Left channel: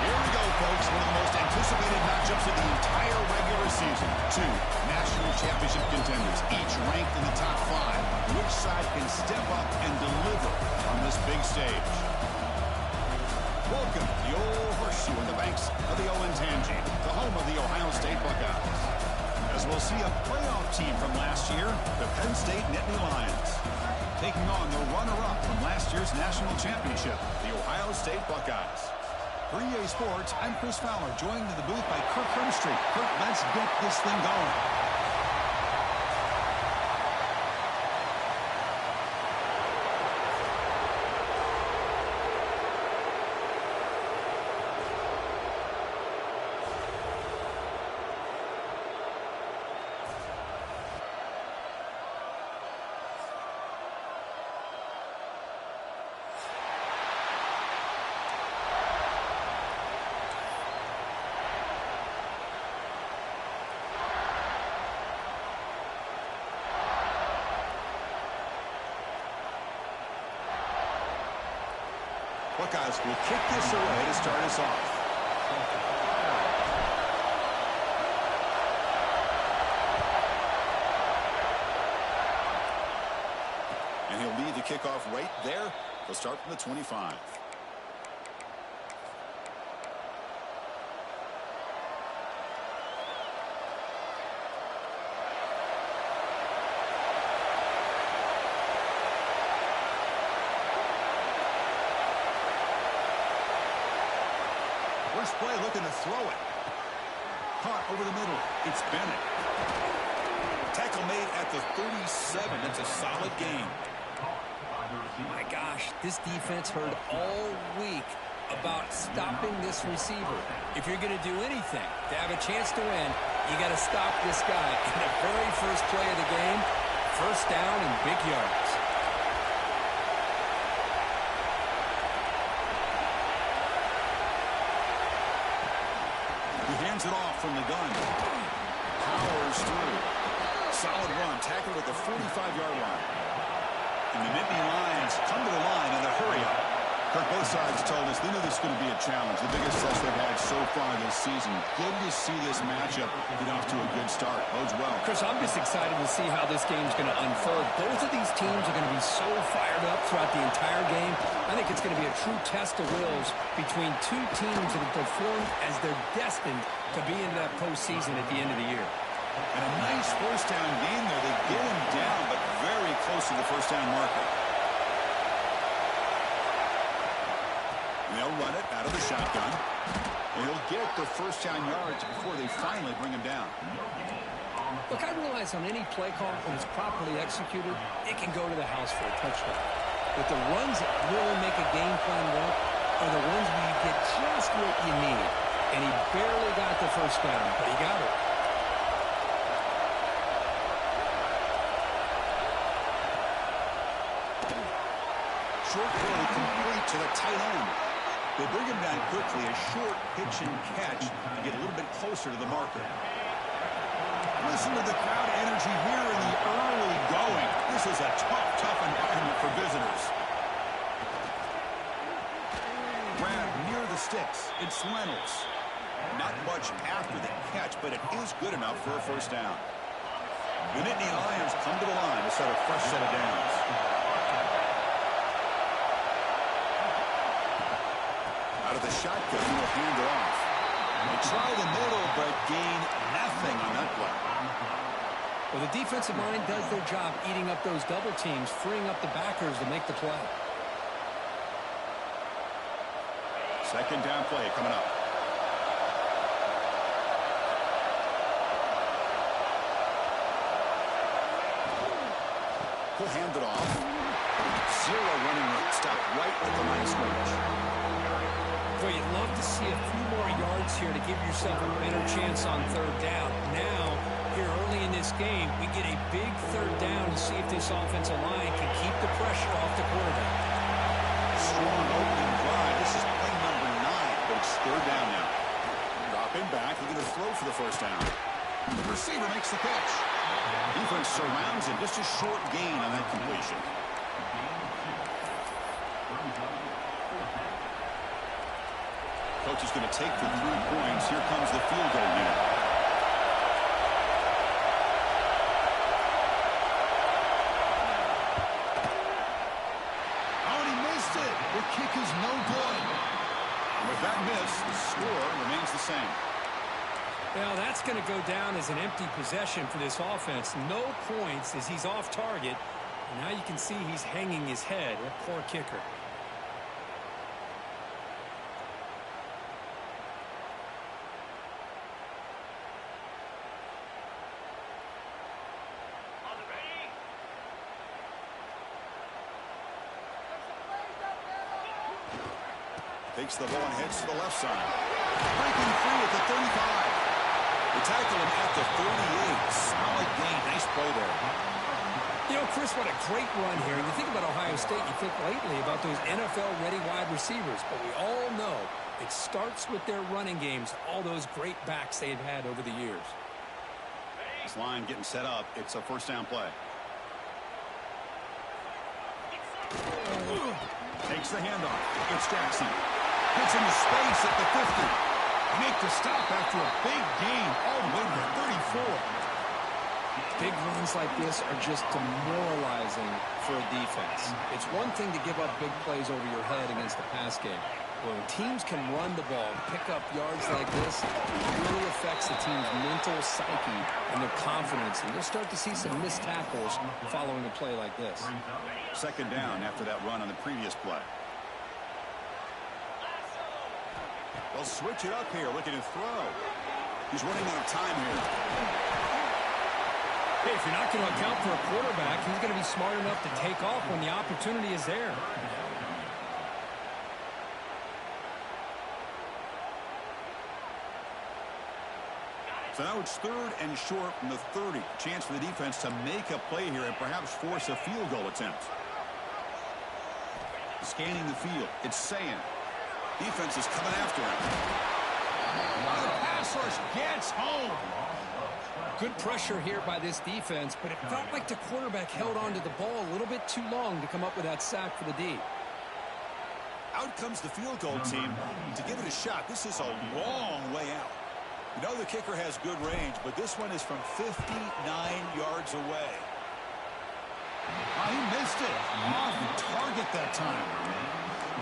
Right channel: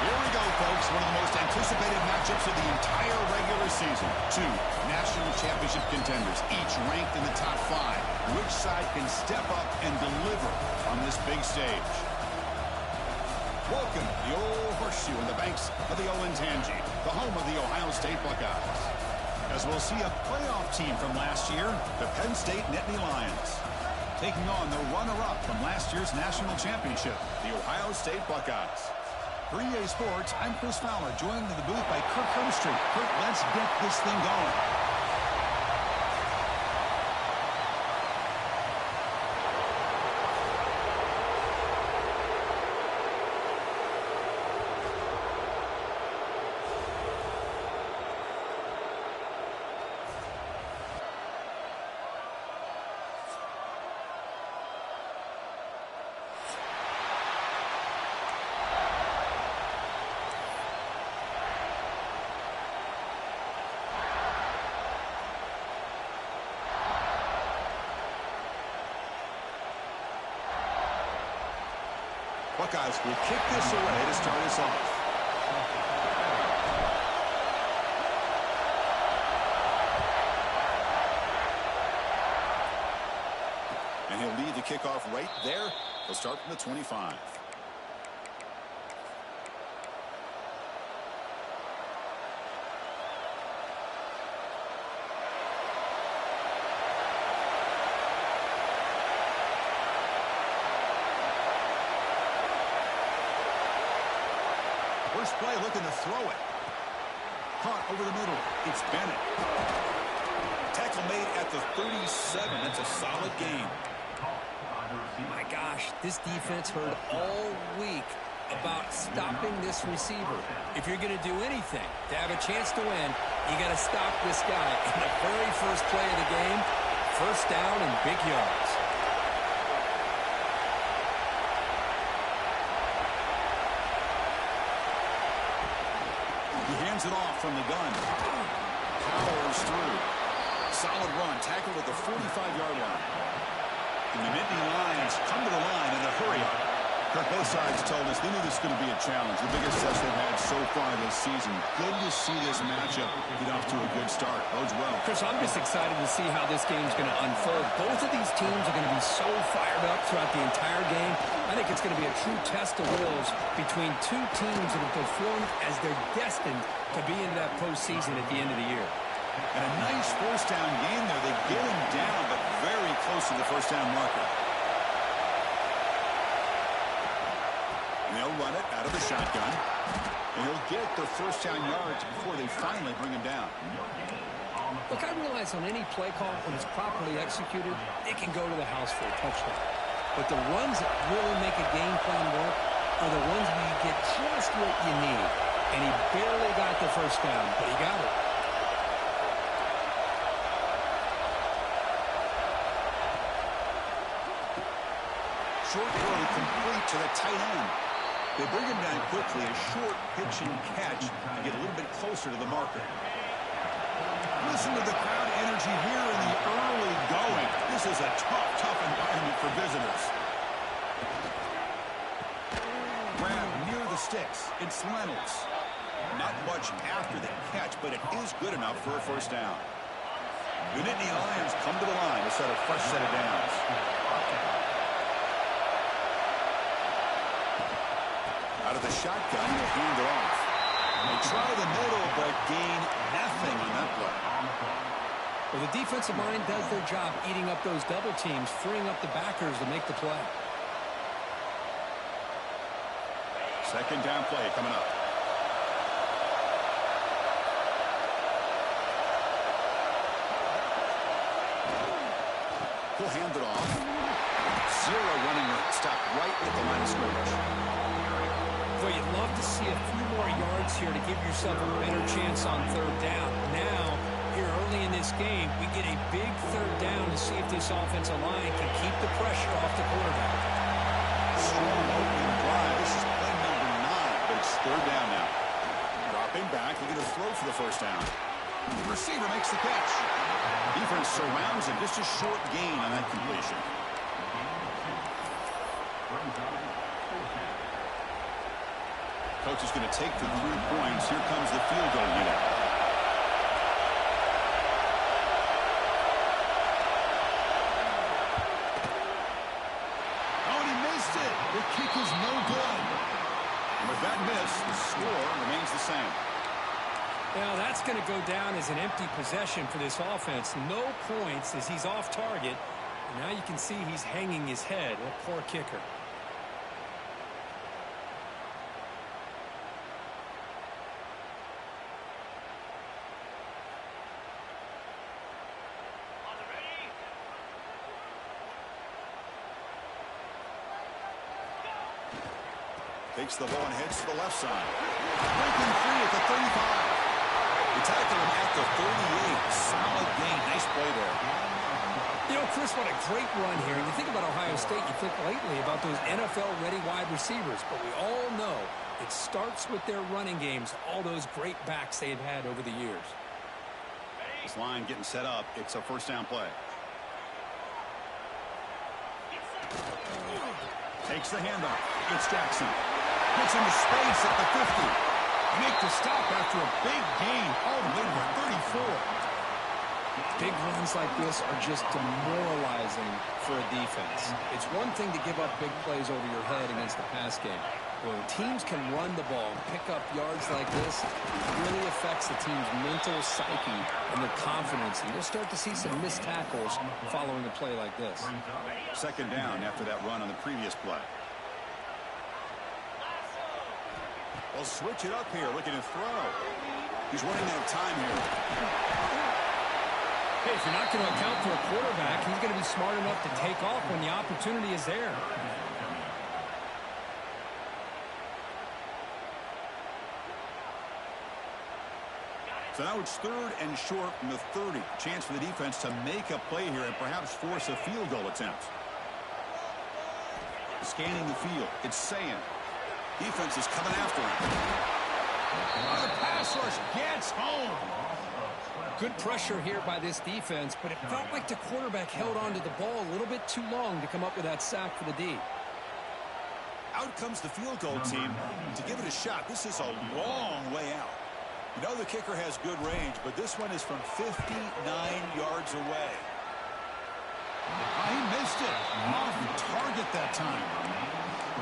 Here we go, folks. One of the most anticipated matchups of the entire regular season. Two national championship contenders, each ranked in the top 5. Which side can step up and deliver on this big stage? Welcome to the old horseshoe on the banks of the Olentangy, the home of the Ohio State Buckeyes. As we'll see a playoff team from last year, the Penn State Nittany Lions, taking on the runner-up from last year's national championship, the Ohio State Buckeyes. For EA Sports, I'm Chris Fowler, joined in the booth by Kirk Hermstreet. Kirk, let's get this thing going. Buckeyes will kick this away to start us off. And he'll lead the kickoff right there. He'll start from the 25. First play looking to throw it. Caught over the middle. It's Bennett. Tackle made at the 37. That's a solid game. My gosh, this defense heard all week about stopping this receiver. If you're going to do anything to have a chance to win, you got to stop this guy. In the very first play of the game, first down and big yards. He hands it off from the gun. Powers through. Solid run. Tackled at the 45-yard line. And the Nittany Lions come to the line in a hurry-up. Kirk, both sides told us they knew this was going to be a challenge. The biggest test they've had so far this season. Good to see this matchup get off to a good start. Bodes well. Chris, I'm just excited to see how this game's going to unfold. Both of these teams are going to be so fired up throughout the entire game. I think it's going to be a true test of wills between two teams that have performed as they're destined to be in that postseason at the end of the year. And a nice first down game there. They get him down, but very close to the first down marker. And they'll run it out of the shotgun. And he'll get the first down yards before they finally bring him down. Look, I realize on any play call, when it's properly executed, it can go to the house for a touchdown. But the runs that really make a game plan work are the ones where you get just what you need. And he barely got the first down, but he got it. Short throw complete to the tight end. They bring him down quickly, a short pitch and catch to get a little bit closer to the marker. Listen to the crowd energy here in the early going. This is a tough environment for visitors. Grab near the sticks. It's Reynolds. Not much after the catch, but it is good enough for a first down. The Nittany Lions come to the line to start a fresh set of downs. Out of the shotgun, he'll hand it off. They try the middle, but gain nothing on that play. Well, the defensive line does their job eating up those double teams, freeing up the backers to make the play. Second down play coming up. He'll hand it off. Zero running room. Stop right at the line of scrimmage. Boy, you'd love to see a few more yards here to give yourself a better chance on third down. Now, here early in this game, we get a big third down to see if this offensive line can keep the pressure off the quarterback. Strong opening drive. This is play number 9, but it's third down now. Dropping back, looking to throw for the first down. The receiver makes the catch. Defense surrounds him. Just a short gain on that completion. Coach is going to take the 3 points. Here comes the field goal unit. Oh, and he missed it. The kick is no good. And with that miss, the score remains the same. Now, that's going to go down as an empty possession for this offense. No points as he's off target. And now you can see he's hanging his head. A poor kicker. Takes the ball and heads to the left side. Breaking free at the 35. They tackle him at the 38. Solid gain. Nice play there. You know, Chris, what a great run here. You think about Ohio State, you think lately about those NFL-ready wide receivers. But we all know it starts with their running games, all those great backs they've had over the years. This line getting set up. It's a first down play. Takes the handoff. It's Jackson. Gets into space at the 50. Make the stop after a big gain all the way to the 34. Big runs like this are just demoralizing for a defense. It's one thing to give up big plays over your head against the pass game. When teams can run the ball and pick up yards like this, it really affects the team's mental psyche and their confidence. And you'll start to see some missed tackles following a play like this. Second down after that run on the previous play. They'll switch it up here, looking to throw. He's running out of time here. Hey, if you're not going to account for a quarterback, he's going to be smart enough to take off when the opportunity is there. So now it's 3rd and short from the 30. Chance for the defense to make a play here and perhaps force a field goal attempt. Scanning the field. It's Sayan. Defense is coming after him. Oh, the pass rush gets home. Good pressure here by this defense, but it felt like the quarterback held on to the ball a little bit too long to come up with that sack for the D. Out comes the field goal team to give it a shot. This is a long way out. You know the kicker has good range, but this one is from 59 yards away. He missed it. Off target that time.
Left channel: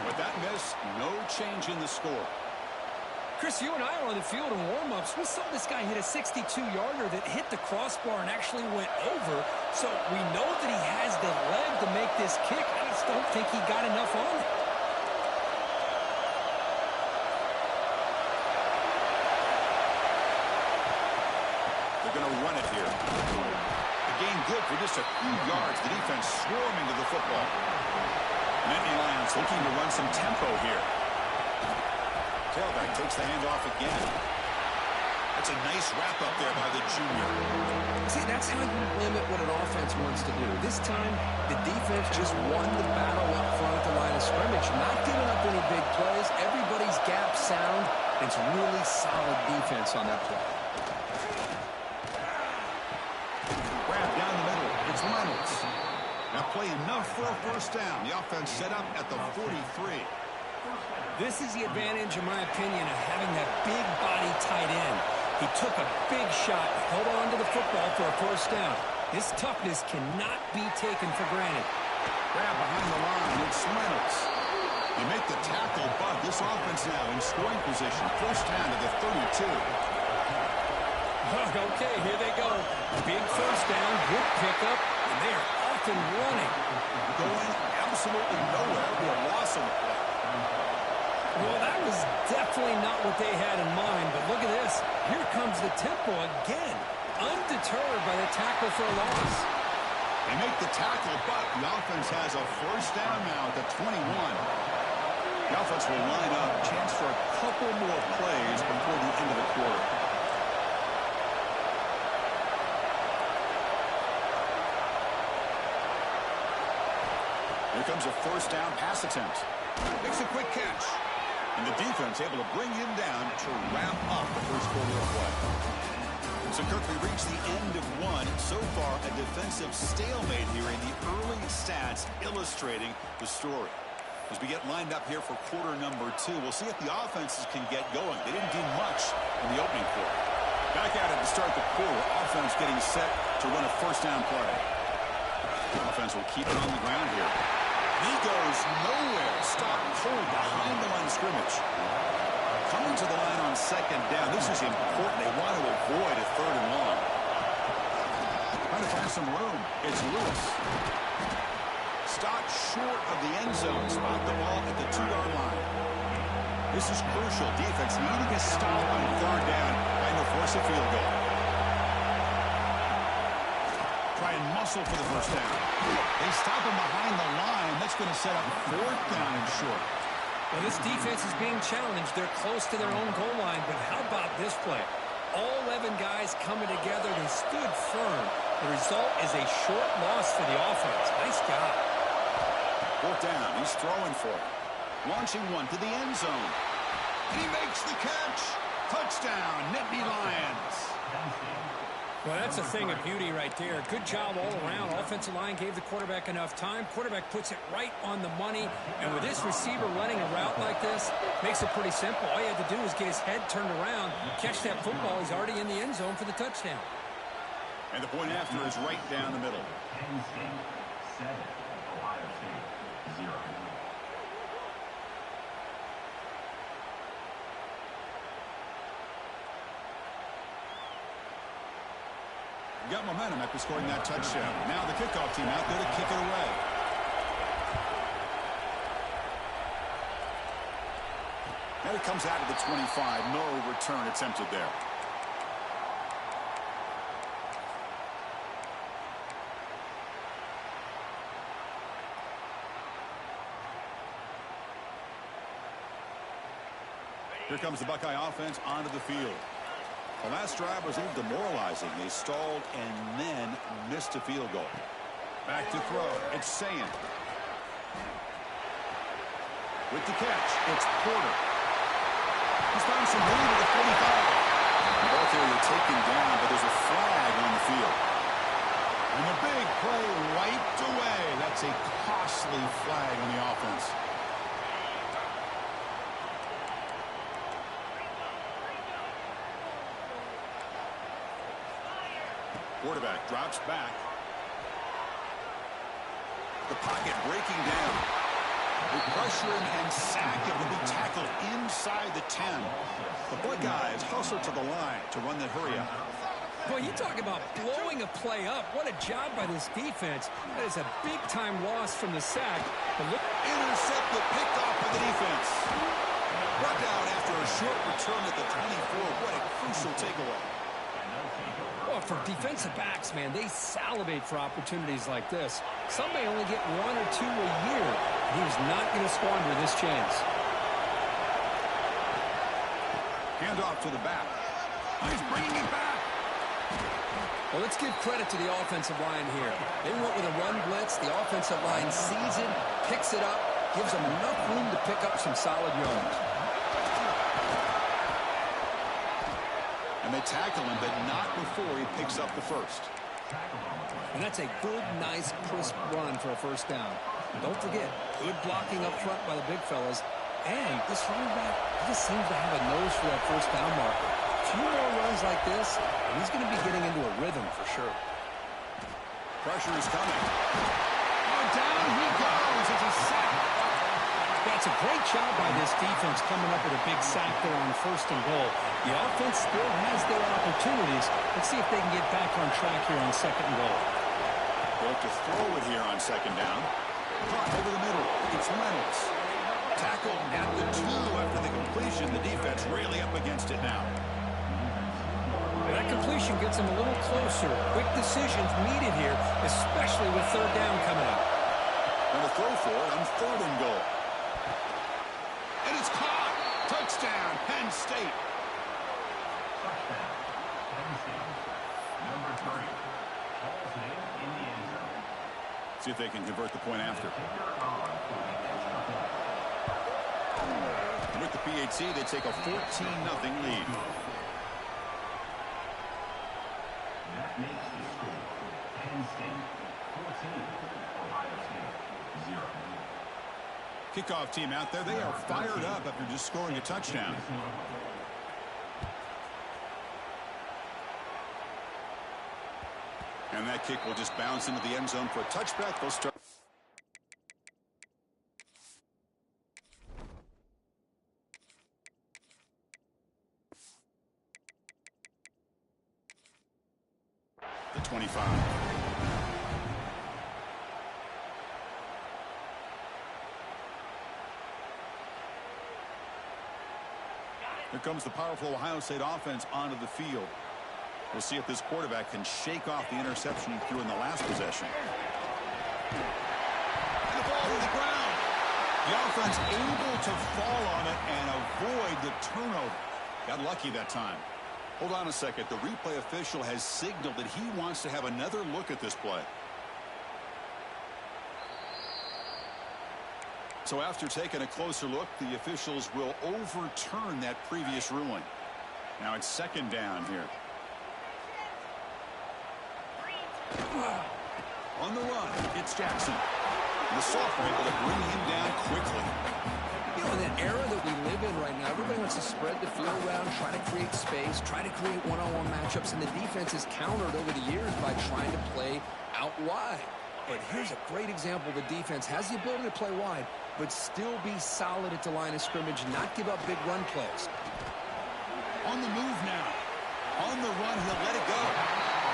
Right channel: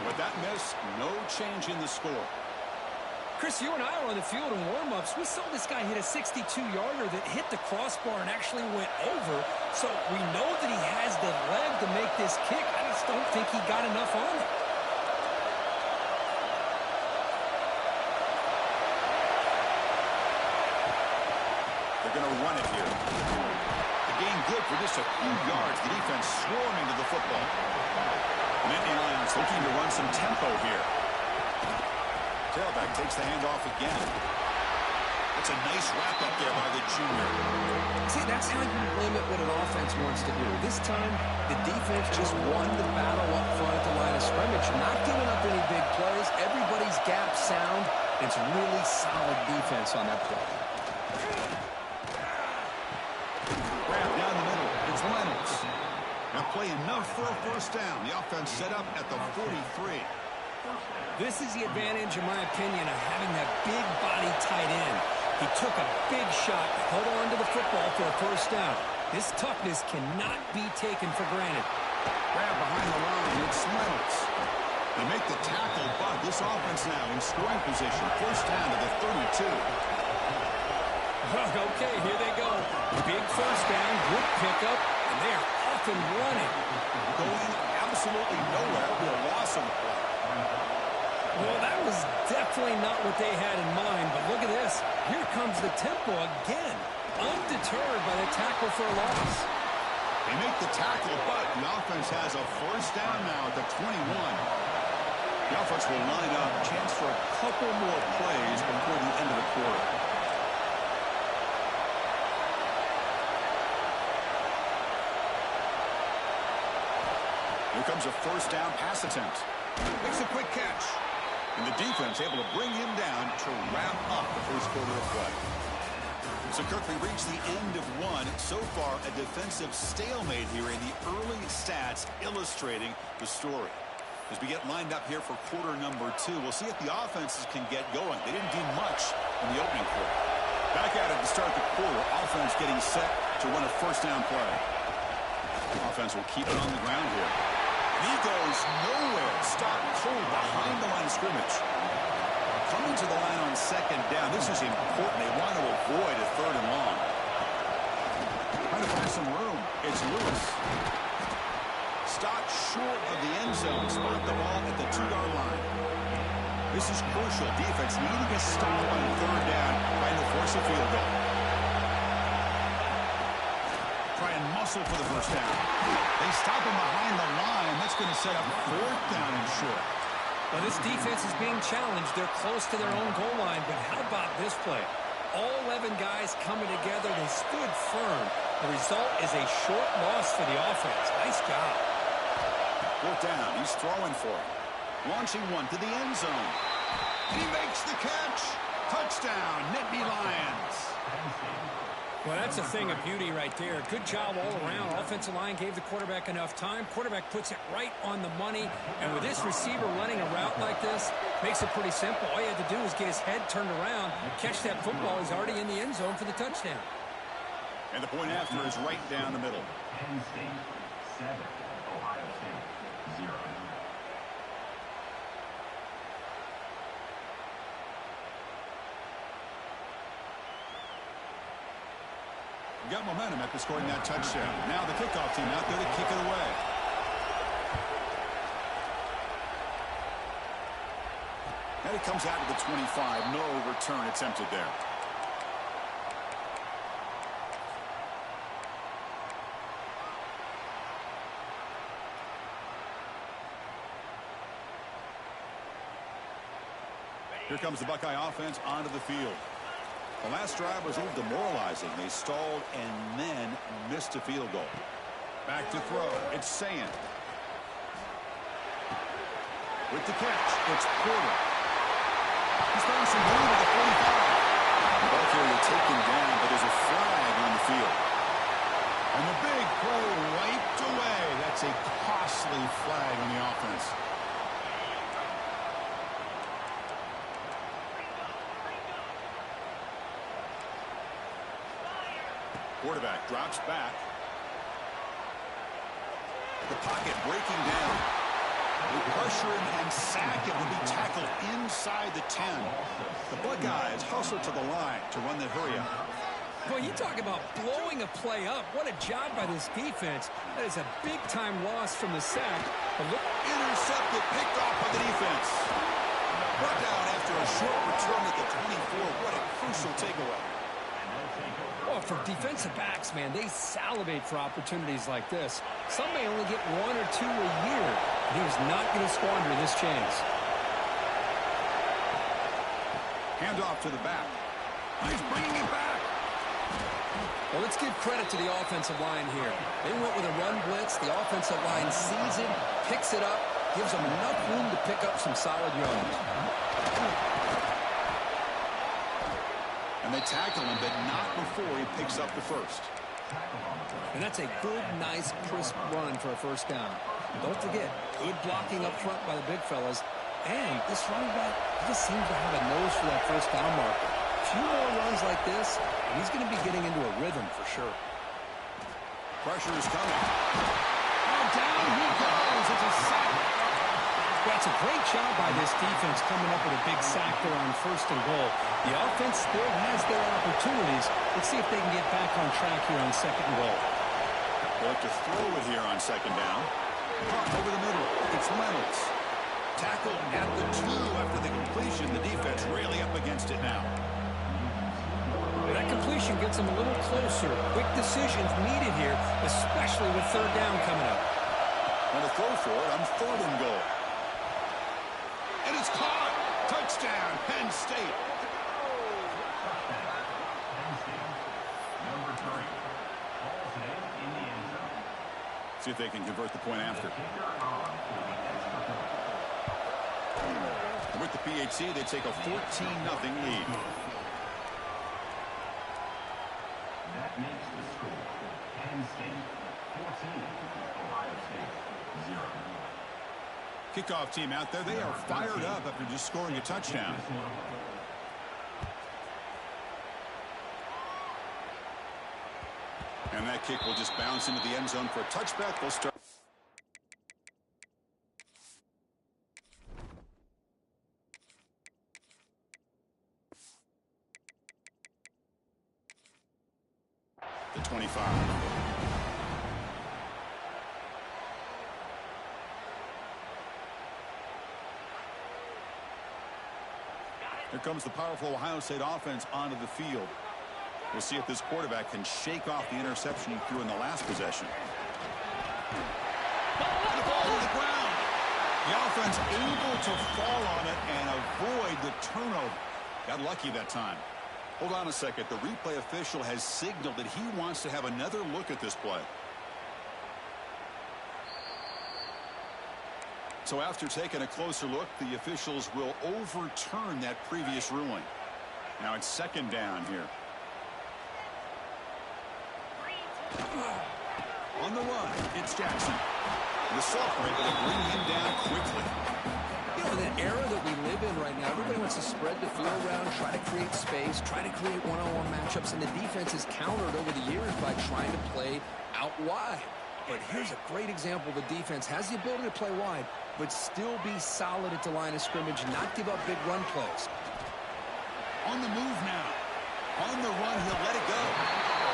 With that miss, no change in the score. Chris, you and I were on the field in warm-ups. We saw this guy hit a 62-yarder that hit the crossbar and actually went over. So we know that he has the leg to make this kick. I just don't think he got enough on it. They're going to run it here. The gain good for just a few yards. The defense swarming to the football. The Nittany Lions looking to run some tempo here. Tailback takes the handoff again. That's a nice wrap-up there by the junior. See, that's how you limit what an offense wants to do. This time, the defense just won the battle up front at the line of scrimmage, not giving up any big plays. Everybody's gap sound. It's really solid defense on that play. Wrap down the middle. It's Reynolds. Now play enough for a first down. The offense set up at the 43. This is the advantage, in my opinion, of having that big body tight end. He took a big shot, held on to the football for a first down. This toughness cannot be taken for granted. Grab behind the line. It's Reynolds. They make the tackle, but this offense now in scoring position. First down to the 32. Okay, here they go. Big first down, good pickup, and they are off and running. Going absolutely nowhere with a loss on the play. Well, that was definitely not what they had in mind, but look at this. Here comes the tempo again, undeterred by the tackle for a loss. They make the tackle, but the offense has a first down now at the 21. The offense will line up, chance for a couple more plays before the end of the quarter. Here comes a first down pass attempt. Makes a quick catch. And the defense able to bring him down to wrap up the first quarter of play. So, Kirk, we reached the end of one. So far, a defensive stalemate here in the early stats illustrating the story. As we get lined up here for quarter number 2, we'll see if the offenses can get going. They didn't do much in the opening quarter. Back at it to start the quarter. Offense getting set to run a first down play. The offense will keep it on the ground here. And he goes nowhere. Stopped cold behind the line of scrimmage. Coming to the line on second down. This is important. They want to avoid a third and long. Trying to find some room. It's Lewis. Stopped short of the end zone. Spot the ball at the 2-yard line. This is crucial. Defense needing a stop on third down, trying to force a field goal. Try and muscle for the first down. They stop him behind the line. That's going to set up fourth down and short. Well, this defense is being challenged. They're close to their own goal line, but how about this play? All 11 guys coming together. They stood firm. The result is a short loss for the offense. Nice job. Fourth down. He's throwing for it. Launching one to the end zone. And he makes the catch. Touchdown, Nittany Lions. Well, that's a thing of beauty right there. Good job all around. Offensive line gave the quarterback enough time. Quarterback puts it right on the money. And with this receiver running a route like this, makes it pretty simple. All you had to do is get his head turned around, catch that football. He's already in the end zone for the touchdown. And the point after is right down the middle. Penn State 7, Ohio State 0. Got momentum after scoring that touchdown. Now the kickoff team out there to kick it away. And it comes out of the 25. No return attempted there. Here comes the Buckeye offense onto the field. The last drive was a little demoralizing. They stalled and then missed a field goal. Back to throw. It's Sand. With the catch, it's Porter. He's found some room at the 45. The ball carrier taken down, but there's a flag on the field. And the big play wiped away. That's a costly flag on the offense. Quarterback drops back. The pocket breaking down. They pressure him and sack it when he tackled inside the 10. The Buckeyes hustle to the line to run the hurry up. Boy, you talk about blowing a play up. What a job by this defense. That is a big-time loss from the sack. But look, intercepted, picked off by the defense. Brought down after a short return at the 24. What a crucial takeaway. well, for defensive backs, man, they salivate for opportunities like this. Some may only get 1 or 2 a year. He was not going to squander this chance. Handoff to the back. He's bringing it back. Well, let's give credit to the offensive line here. They went with a run blitz. The offensive line sees it, picks it up, gives them enough room to pick up some solid yards. And they tackle him, but not before he picks up the first. And that's a good, nice, crisp run for a first down. Don't forget, good blocking up front by the big fellas. And this running back just seems to have a nose for that first down marker. A few more runs like this, and he's going to be getting into a rhythm for sure. Pressure is coming. Oh, down he goes. It's a sack. Well, it's a great job by this defense coming up with a big sack there on 1st and goal. The offense still has their opportunities. Let's see if they can get back on track here on 2nd and goal. They'll have to throw it here on 2nd down. Caught over the middle. It's Reynolds. Tackled at the 2 after the completion. The defense really up against it now. That completion gets them a little closer. Quick decisions needed here, especially with 3rd down coming up. And a throw for it on 3rd and goal. And it's caught. Touchdown, Penn State. Touchdown, Penn State. Number 3. Hall's name in the end zone. See if they can convert the point after. Kicker on for the extra point. With the PHC, they take a 14-0 lead. That makes the score Penn State 14, Ohio State 0. Kickoff team out there, they are fired up after just scoring a touchdown. And that kick will just bounce into the end zone for a touchback. They'll start. The 25. Here comes the powerful Ohio State offense onto the field. We'll see if this quarterback can shake off the interception he threw in the last possession. And the ball to the ground. The offense able to fall on it and avoid the turnover. Got lucky that time. Hold on a second. The replay official has signaled that he wants to have another look at this play. So after taking a closer look, the officials will overturn that previous ruling. Now it's second down here. On the run, it's Jackson. The sophomore able to bring him down quickly. You know, in that era that we live in right now, everybody wants to spread the field around, try to create space, try to create one-on-one matchups, and the defense is countered over the years by trying to play out wide. But here's a great example. The defense has the ability to play wide, but still be solid at the line of scrimmage, not give up big run plays. On the move now. On the run, he'll let it go.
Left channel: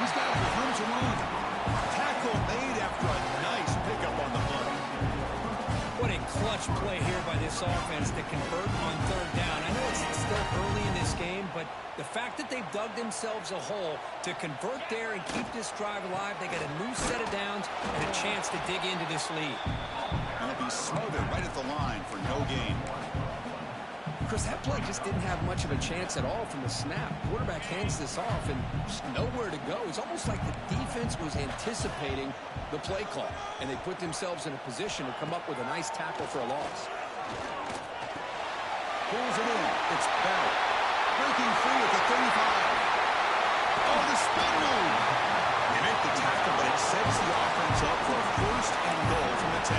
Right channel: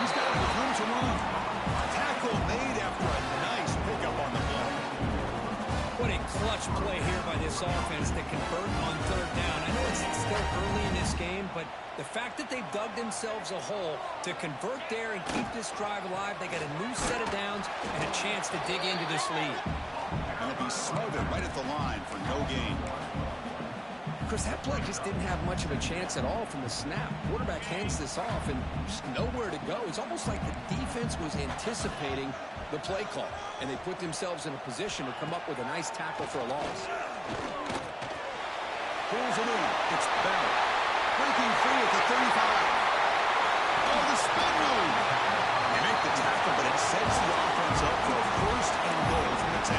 He's got room to run. Tackle made after a nice pickup on the play. What a clutch play here by this offense to convert on third down. I know it's still early in this game, but the fact that they've dug themselves a hole to convert there and keep this drive alive, they got a new set of downs and a chance to dig into this lead. And it'll be smothered right at the line for no gain. Chris, that play just didn't have much of a chance at all from the snap. Quarterback hands this off and just nowhere to go. It's almost like the defense was anticipating the play call, and they put themselves in a position to come up with a nice tackle for a loss. Pulls it in. It's Bell. Breaking free at the 35. Oh, the spin move. They make the tackle, but it sets the offense up for a first and goal from the 10.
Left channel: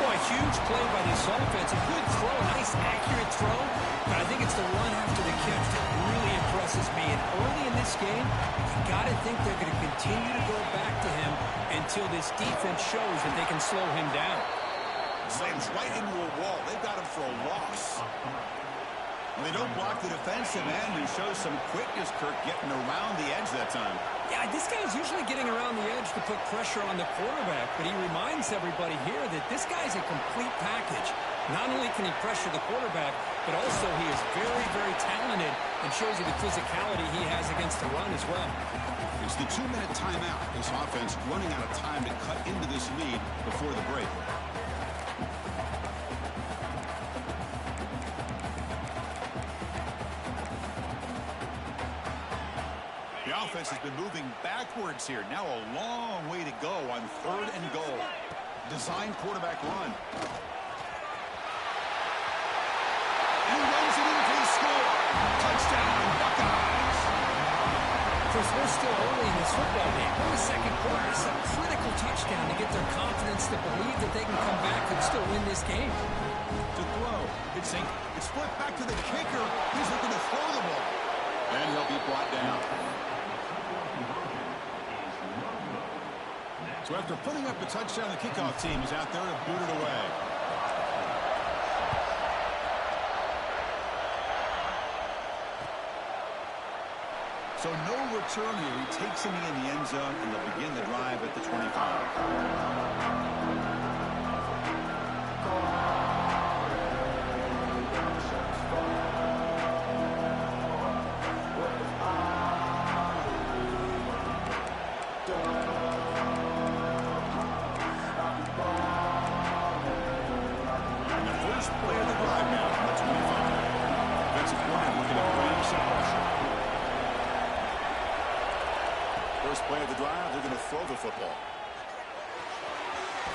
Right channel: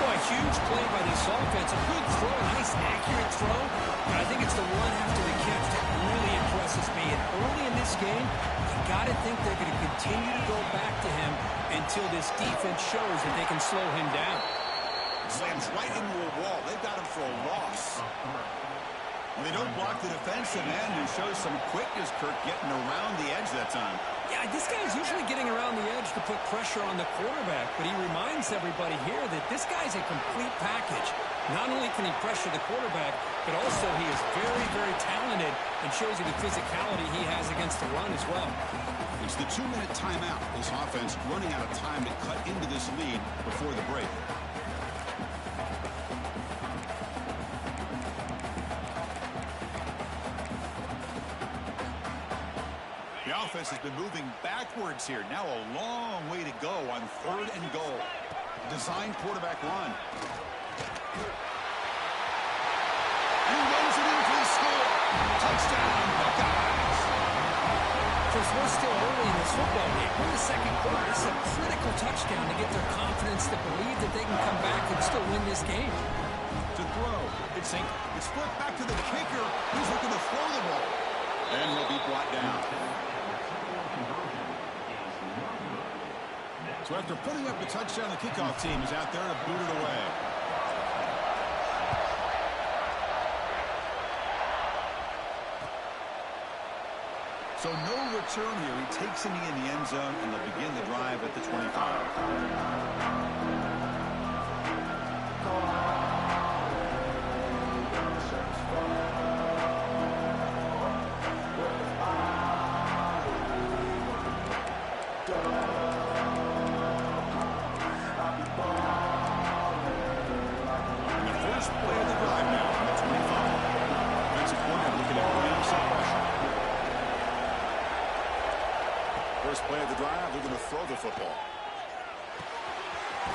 Boy, huge play by this offense. A good throw, a nice accurate throw. But I think it's the run after the catch that really impresses me. And early in this game, you got to think they're going to continue to go back to him until this defense shows that they can slow him down. Slams right into a wall. They've got him for a loss. Well, they don't block the defensive end, who shows some quickness, Kirk, getting around the edge that time. Yeah, this guy's usually getting around the edge to put pressure on the quarterback, but he reminds everybody here that this guy's a complete package. Not only can he pressure the quarterback, but also he is very, very talented and shows you the physicality he has against the run as well. It's the 2-minute timeout. This offense running out of time to cut into this lead before the break. The offense has been moving backwards here. Now a long way to go on third and goal. Design quarterback run. And he runs it in for the score. Touchdown, Buckeyes. Chris, we're still early in this football game. We're in the second quarter. This is a critical touchdown to get their confidence to believe that they can come back and still win this game. To throw. It's flipped back to the kicker. He's looking to throw the ball. And he'll be brought down. So after putting up a touchdown, the kickoff team is out there to boot it away. So no return here. He takes a knee in the end zone, and they'll begin the drive at the 25. First play of the drive, they're going to throw the football.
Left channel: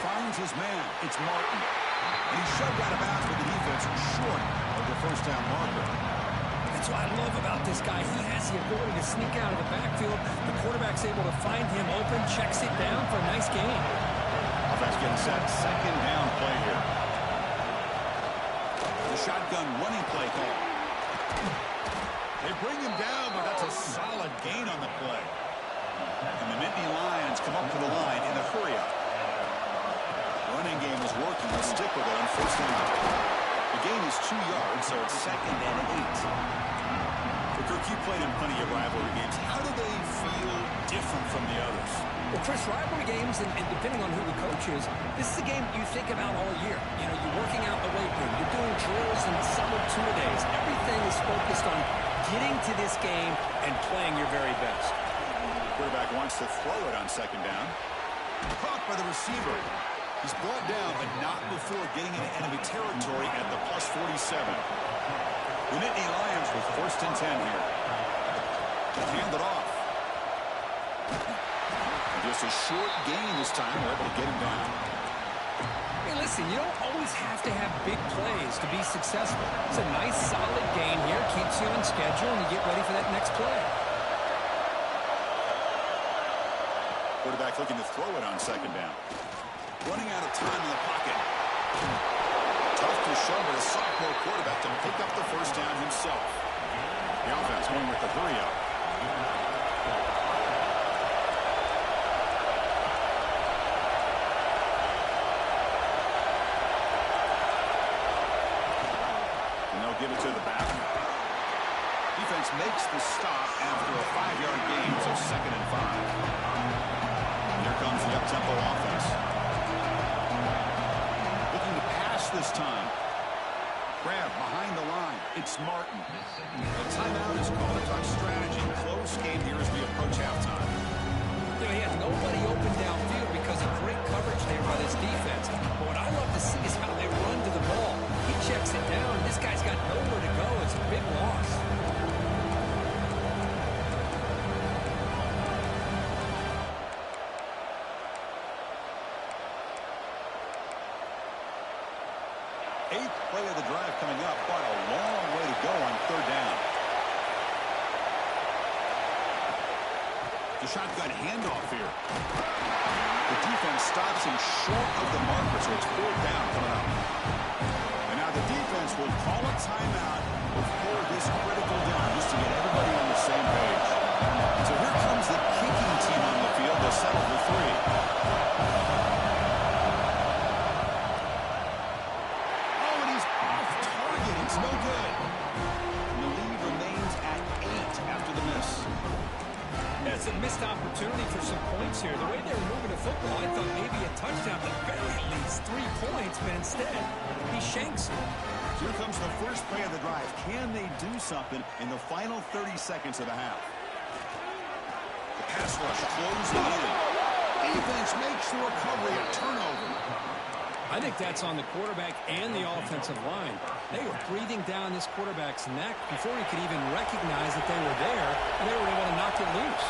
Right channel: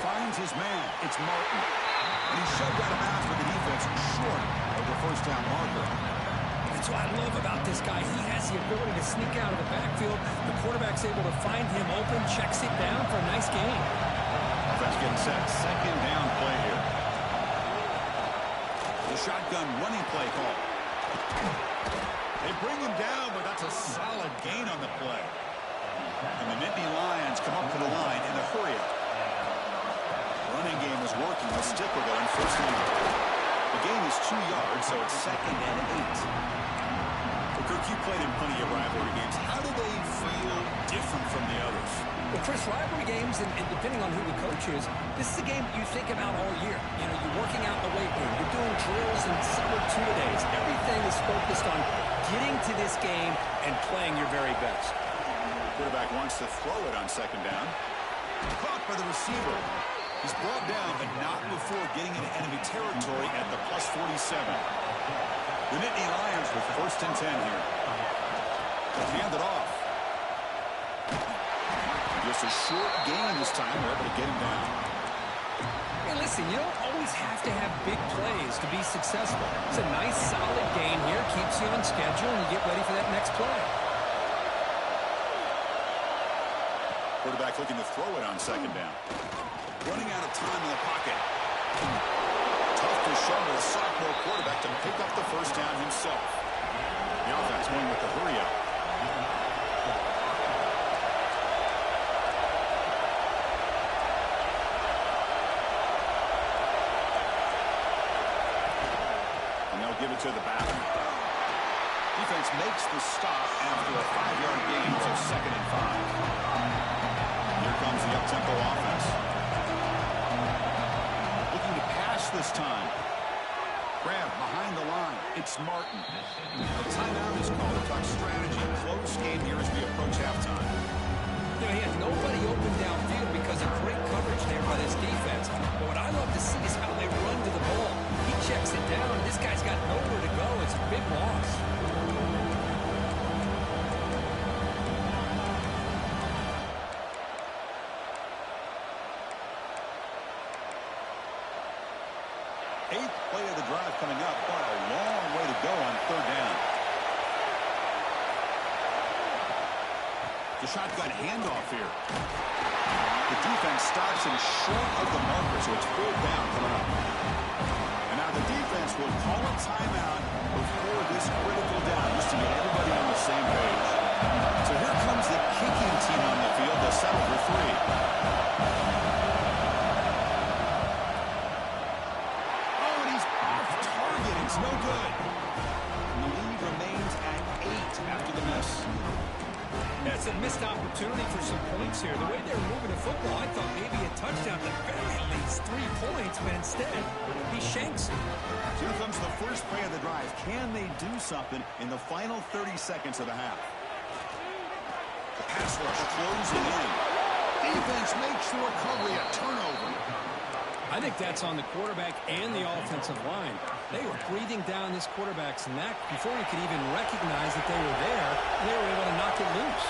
Finds his man. It's Martin. And he's shoved out of bounds with the defense short of the first down marker. That's what I love about this guy. He has the ability to sneak out of the backfield. The quarterback's able to find him open, checks it down for a nice gain. A offense getting set. Second down play here. The shotgun running play call. They bring him down, but that's a solid gain on the play. And the Nittany Lions come up to the line in a hurry-up. Running game is working. They'll stick with it on first down. The gain is 2 yards, so it's 2nd and 8. Well, Kirk, you played in plenty of rivalry games. How do they feel different from the others? Well, Chris, rivalry games, and depending on who the coach is, this is a game you think about all year. You know, you're working out in the weight room. You're doing drills and summer two-a-days. Everything is focused on getting to this game and playing your very best. The quarterback wants to throw it on second down. Caught by the receiver. He's brought down, but not before getting into enemy territory at the plus 47. The Nittany Lions with 1st and 10 here. They'll hand it off. And just a short gain this time. We're able to get him down. Hey, listen, you don't always have to have big plays to be successful. It's a nice, solid gain here. Keeps you on schedule, and you get ready for that next play. Quarterback looking to throw it on second down. Running out of time in the pocket. Tough to show with a sophomore quarterback to pick up the first down himself. The offense going with the hurry-up. And they'll give it to the back. Defense makes the stop after a 5-yard gain, so 2nd and 5. Here comes the up-tempo offense. Looking to pass this time. Grab behind the line. It's Martin. A timeout is called to talk strategy. Close game here as we approach halftime. You know, he had nobody open downfield because of great coverage there by this defense. But what I love to see is how they run to the ball. He checks it down, and this guy's got nowhere to go. It's a big loss. Eighth play of the drive coming up, but a long way to go on 3rd down. The shotgun handoff here. The defense stops him short of the marker, so it's 4th down coming up. And now the defense will call a timeout before this critical down, just to get everybody on the same page. So here comes the kicking team on the field. They'll settle for 3. It's no good. And the lead remains at 8 after the miss. Yeah, it's a missed opportunity for some points here. The way they were moving the football, I thought maybe a touchdown, at the very least 3 points, but instead, he shanks it. So here comes the first play of the drive. Can they do something in the final 30 seconds of the half? The pass rush closing in. Defense makes the recovery, a turnover. I think that's on the quarterback and the offensive line. They were breathing down this quarterback's neck before he could even recognize that they were there, and they were able to knock it loose.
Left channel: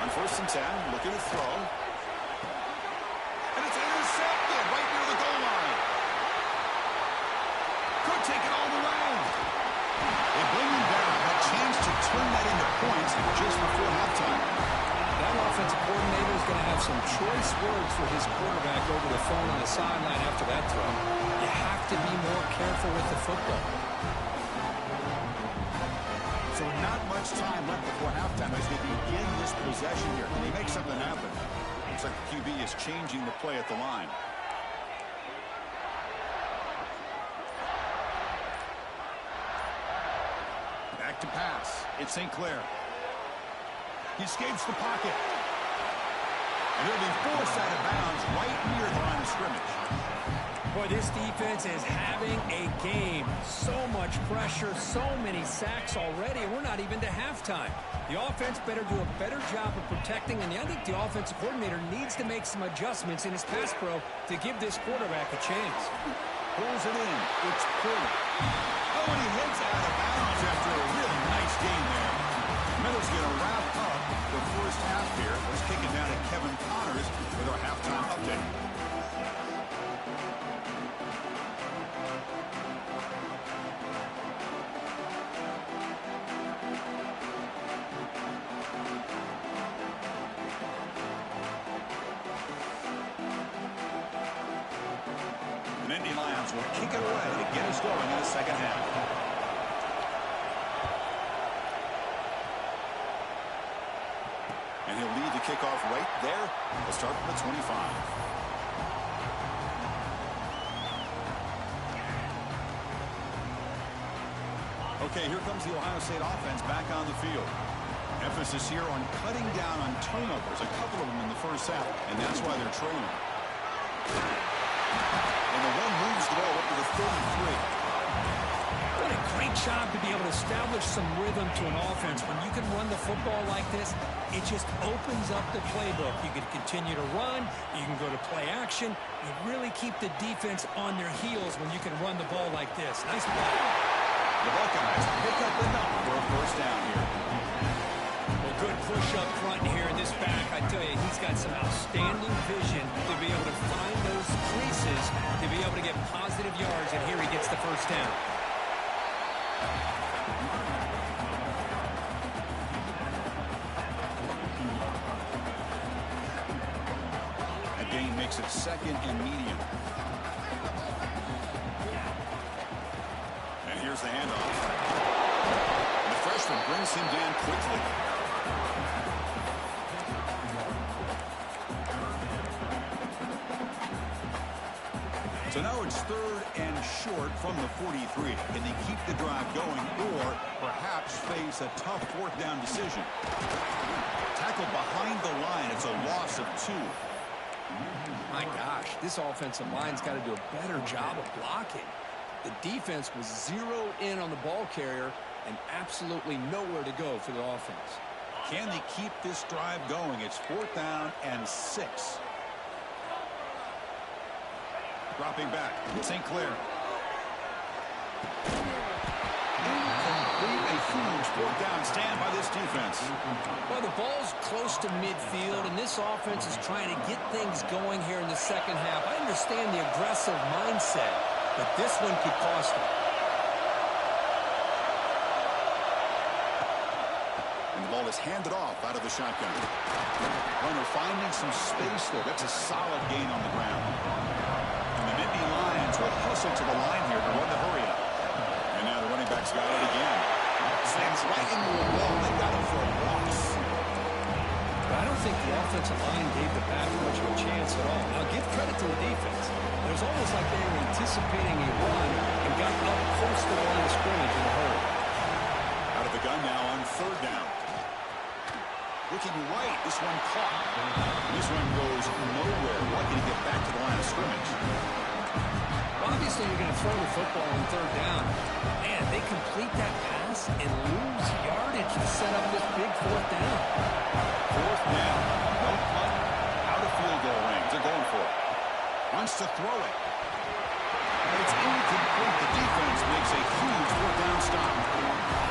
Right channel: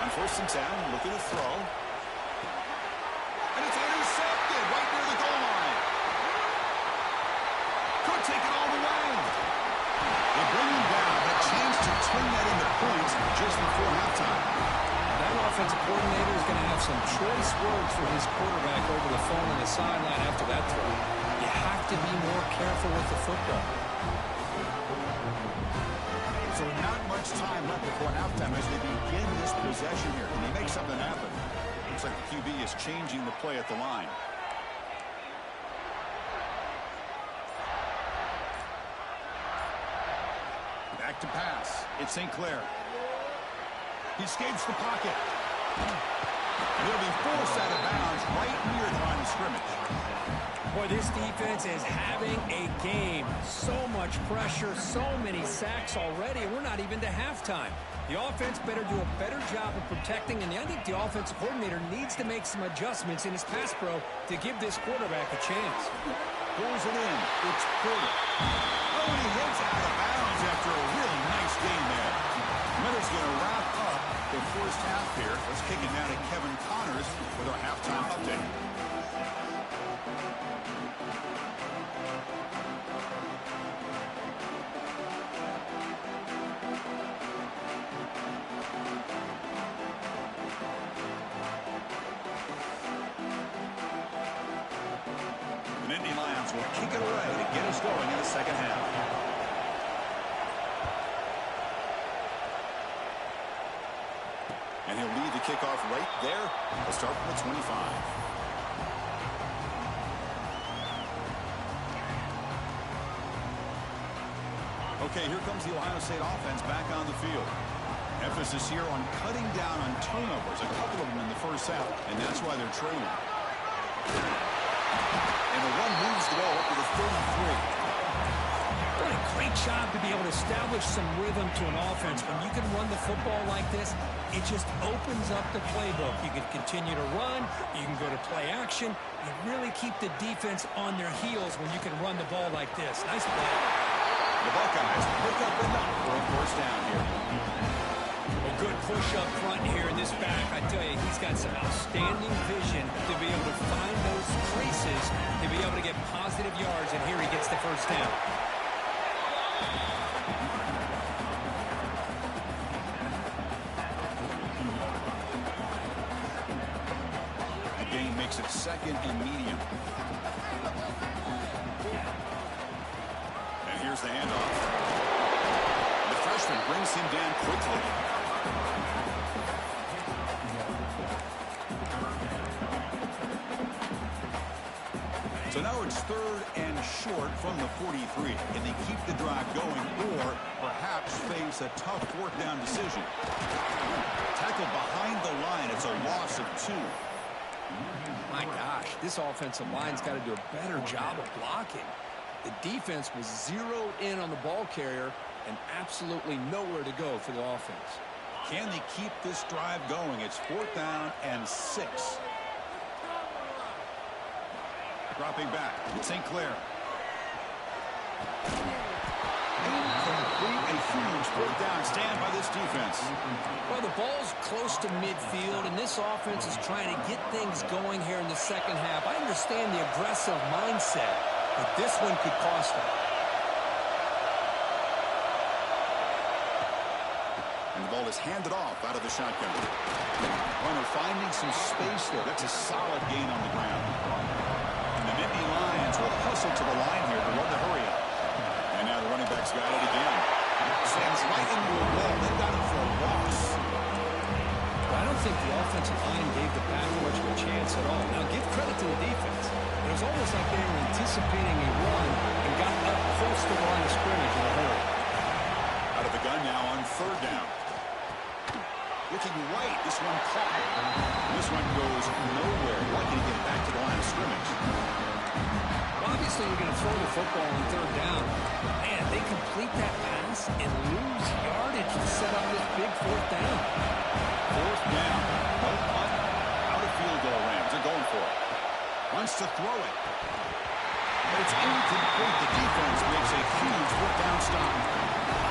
On 1st and 10, looking to throw. And it's intercepted right near the goal line. Could take it all the way. They bring him down. A chance to turn that into points just before halftime. That offensive coordinator is going to have some choice words for his quarterback over the phone on the sideline after that throw. You have to be more careful with the football. So not much time left before halftime as they begin this possession here. Can they make something happen? Looks like the QB is changing the play at the line. Back to pass. It's St. Clair. He escapes the pocket. And he'll be forced out of bounds right near the line of scrimmage. Boy, this defense is having a game. So much pressure, so many sacks already, and we're not even to halftime. The offense better do a better job of protecting, and I think the offensive coordinator needs to make some adjustments in his pass pro to give this quarterback a chance. Pulls it in. It's Porter. Oh, and he heads out of bounds after a really nice gain there. Meadows going to wrap up the first half here. Let's kick it down to Kevin Connors with our halftime update. Nittany Lions will kick it away to get us going in the second half. And he'll lead the kickoff right there. He'll start from the 25. Okay, here comes the Ohio State offense back on the field. Emphasis here on cutting down on turnovers, a couple of them in the first half, and that's why they're trailing. And the one moves the ball up to the 33. What a great job to be able to establish some rhythm to an offense. When you can run the football like this, it just opens up the playbook. You can continue to run. You can go to play action. You really keep the defense on their heels when you can run the ball like this. Nice play. The Buckeyes pick up enough for a first down here. Well, good push up front here in this back. I tell you, he's got some outstanding vision to be able to find those creases, to be able to get positive yards, and here he gets the first down. The gain makes it second and medium. And here's the handoff. And the freshman brings him down quickly. So now it's third and short from the 43. Can they keep the drive going or perhaps face a tough fourth down decision? Tackled behind the line. It's a loss of 2. My gosh, this offensive line's got to do a better job of blocking. The defense was zeroed in on the ball carrier and absolutely nowhere to go for the offense. Can they keep this drive going? It's 4th down and 6. Dropping back, St. Clair. Incomplete, a huge 4th down stand by this defense. Well, the ball's close to midfield, and this offense is trying to get things going here in the second half. I understand the aggressive mindset, but this one could cost them. And the ball is handed off out of the shotgun. Runner finding some space there. That's a solid gain on the ground. And the Nittany Lions will hustle to the line here to run the hurry up. And now the running back's got it again. Slams right into a wall. They got him for a loss. I don't think the offensive line gave the back much of a chance at all. Now, give credit to the defense. It was almost like they were anticipating a run and got up close to the line of scrimmage in a hurry. Out of the gun now on 3rd down. Looking right, this one caught. And this one goes nowhere. Lucky to get back to the line of scrimmage. Well, obviously, you're going to throw the football on 3rd down. Man, they complete that pass and lose yardage to set up this big 4th down. 4th down. No punt. Out of field goal range. They're going for it. Wants to throw it. But it's incomplete. The defense makes a huge 4th down stop.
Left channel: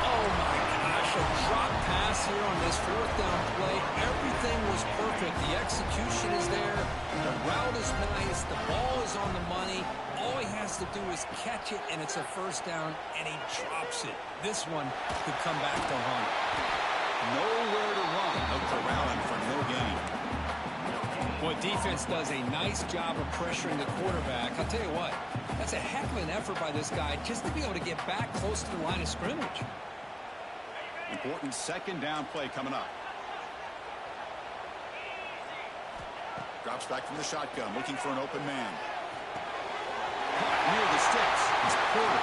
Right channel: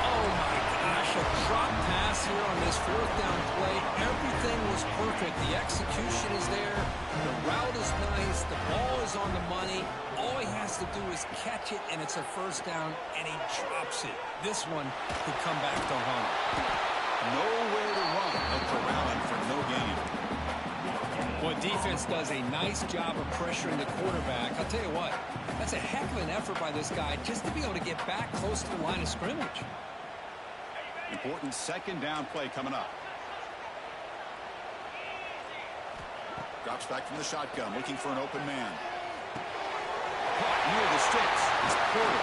Oh, my gosh. A drop pass here on this 4th down play. Everything was perfect. The execution is there. The route is nice. The ball is on the money. All he has to do is catch it, and it's a 1st down, and he drops it. This one could come back to haunt him. Nowhere to run. They'll corral him for no gain. Well, defense does a nice job of pressuring the quarterback. I'll tell you what, that's a heck of an effort by this guy just to be able to get back close to the line of scrimmage. Important 2nd down play coming up. Drops back from the shotgun, looking for an open man. Caught near the sticks. It's Porter.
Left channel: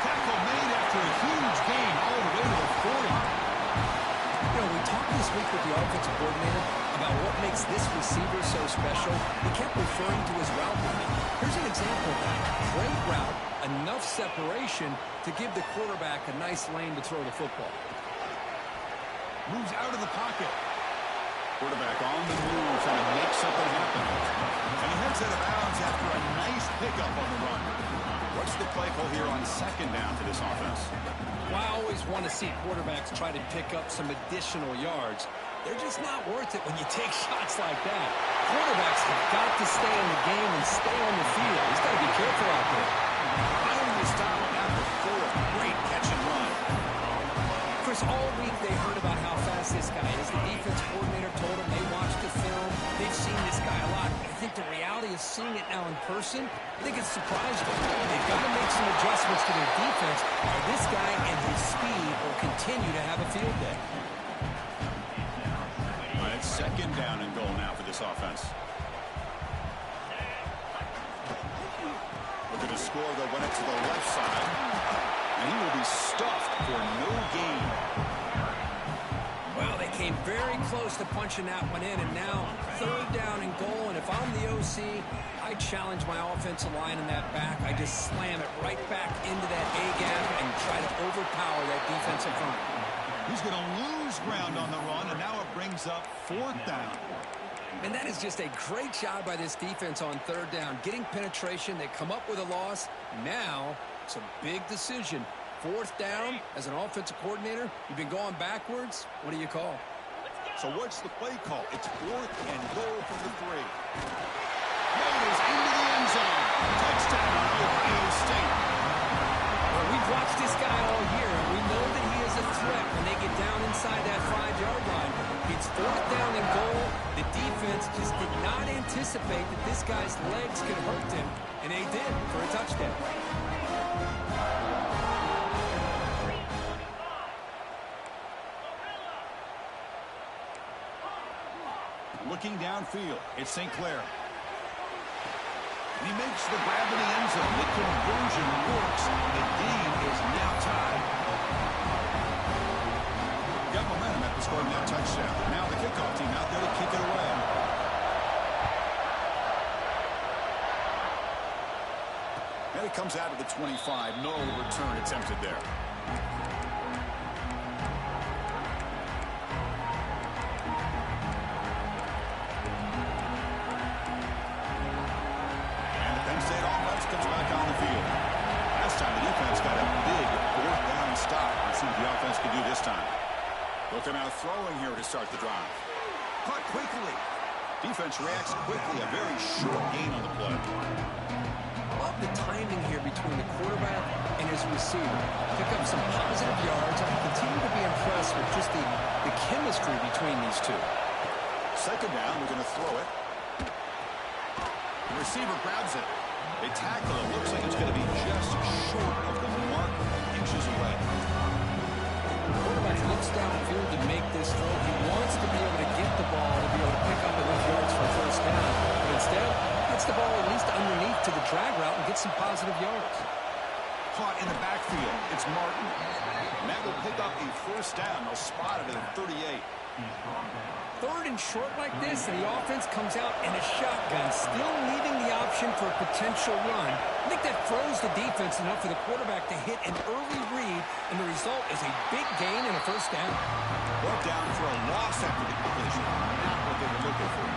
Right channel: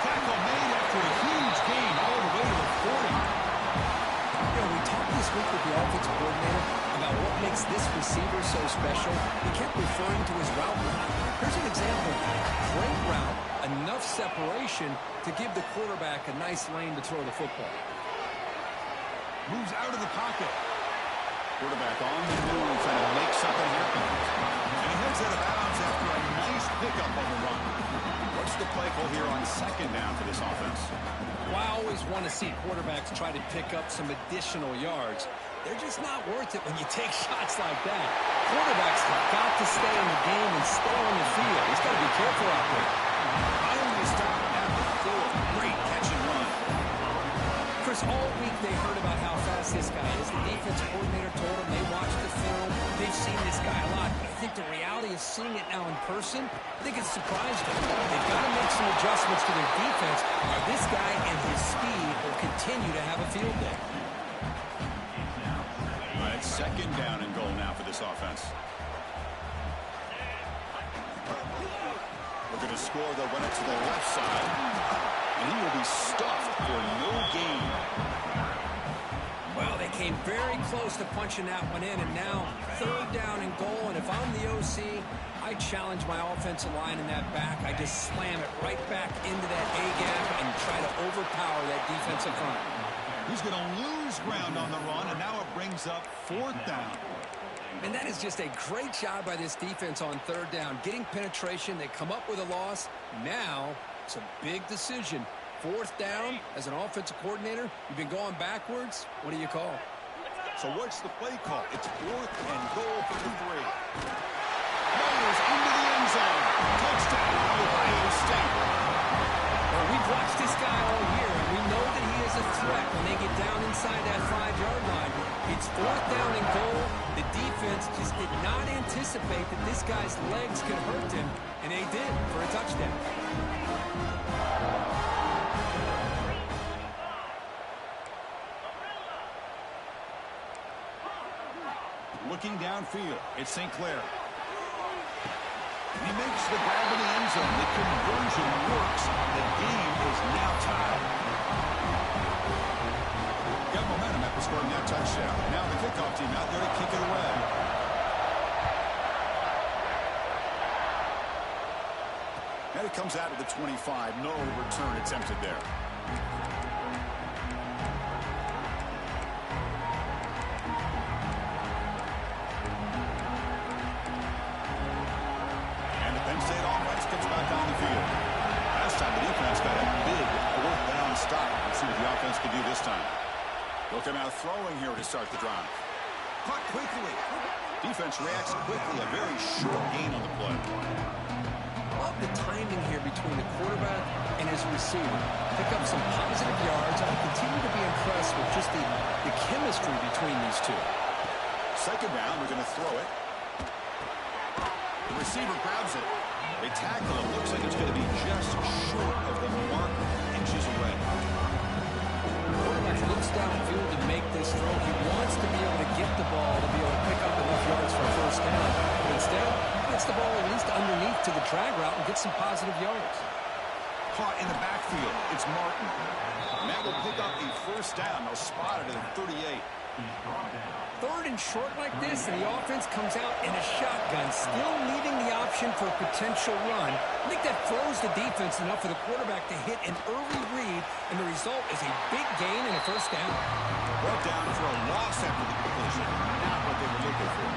Tackle made after a huge gain all the way to the 40. You know, we talked this week with the offensive coordinator about what makes this receiver so special. He kept referring to his route running. Here's an example of that. Great route, enough separation to give the quarterback a nice lane to throw the football. Moves out of the pocket. Quarterback on the move, trying to make something happen. And he heads out of bounds after a nice pickup on the run. What's the play call here on 2nd down for this offense? Well, I always want to see quarterbacks try to pick up some additional yards. They're just not worth it when you take shots like that. Quarterbacks have got to stay in the game and stay on the field. He's got to be careful out there. Finally stopped at the 4. Great catch and run. For Bruce, all week they heard about how fast this guy is. The defense coordinator told them they watched the film. They've seen this guy a lot. But I think the reality of seeing it now in person, I think it's surprised them. They've got to make some adjustments to their defense, or this guy and his speed will continue to have a field day. All right, it's second down and goal now for this offense. Looking to score, they'll run it to the left side. And he will be stuffed for no gain. Well, they came very close to punching that one in, and now third down and goal. And if I'm the OC, I challenge my offensive line in that back. I just slam it right back into that A-gap and try to overpower that defensive front. He's going to lose ground on the run, and now it brings up fourth down. And that is just a great job by this defense on third down. Getting penetration, they come up with a loss. Now it's a big decision. Fourth down, as an offensive coordinator, you've been going backwards. What do you call? So what's the play call? It's fourth and goal for the 3. Motors into the end zone. Touchdown, Ohio State. Well, we've watched this guy all year, and we know that he is a threat when they get down inside that 5-yard line. It's fourth down and goal. The defense just did not anticipate that this guy's legs could hurt him, and they did for a touchdown. Looking downfield, it's St. Clair. He makes the grab in the end zone. The conversion works. The game is now tied. Got momentum after scoring that touchdown. Now the kickoff team out there to kick it away. And it comes out of the 25. No return attempted there. Comes back on the field. Last time the defense got a big fourth down stop. Let's see what the offense can do this time. They'll come out throwing here to start the drive. Caught quickly. Defense reacts quickly. A very short gain on the play. Love the timing here between the quarterback and his receiver. Pick up some positive yards. I continue to be impressed with just the chemistry between these two. Second down, we're going to throw it. The receiver grabs it. They tackle him. Looks like it's going to be just short of the mark, inches away. The quarterback looks downfield to make this throw. He wants to be able to get the ball to be able to pick up enough yards for a first down. But instead, he gets the ball at least underneath to the drag route and gets some positive yards. Caught in the backfield. It's Martin. And that will pick up a first down. They'll spot it at the 38. Third and short like this, and the offense comes out in a shotgun, still leaving the option for a potential run. I think that froze the defense enough for the quarterback to hit an early read, and the result is a big gain and a first down. Brought down for a loss after the completion. Not what they were looking for.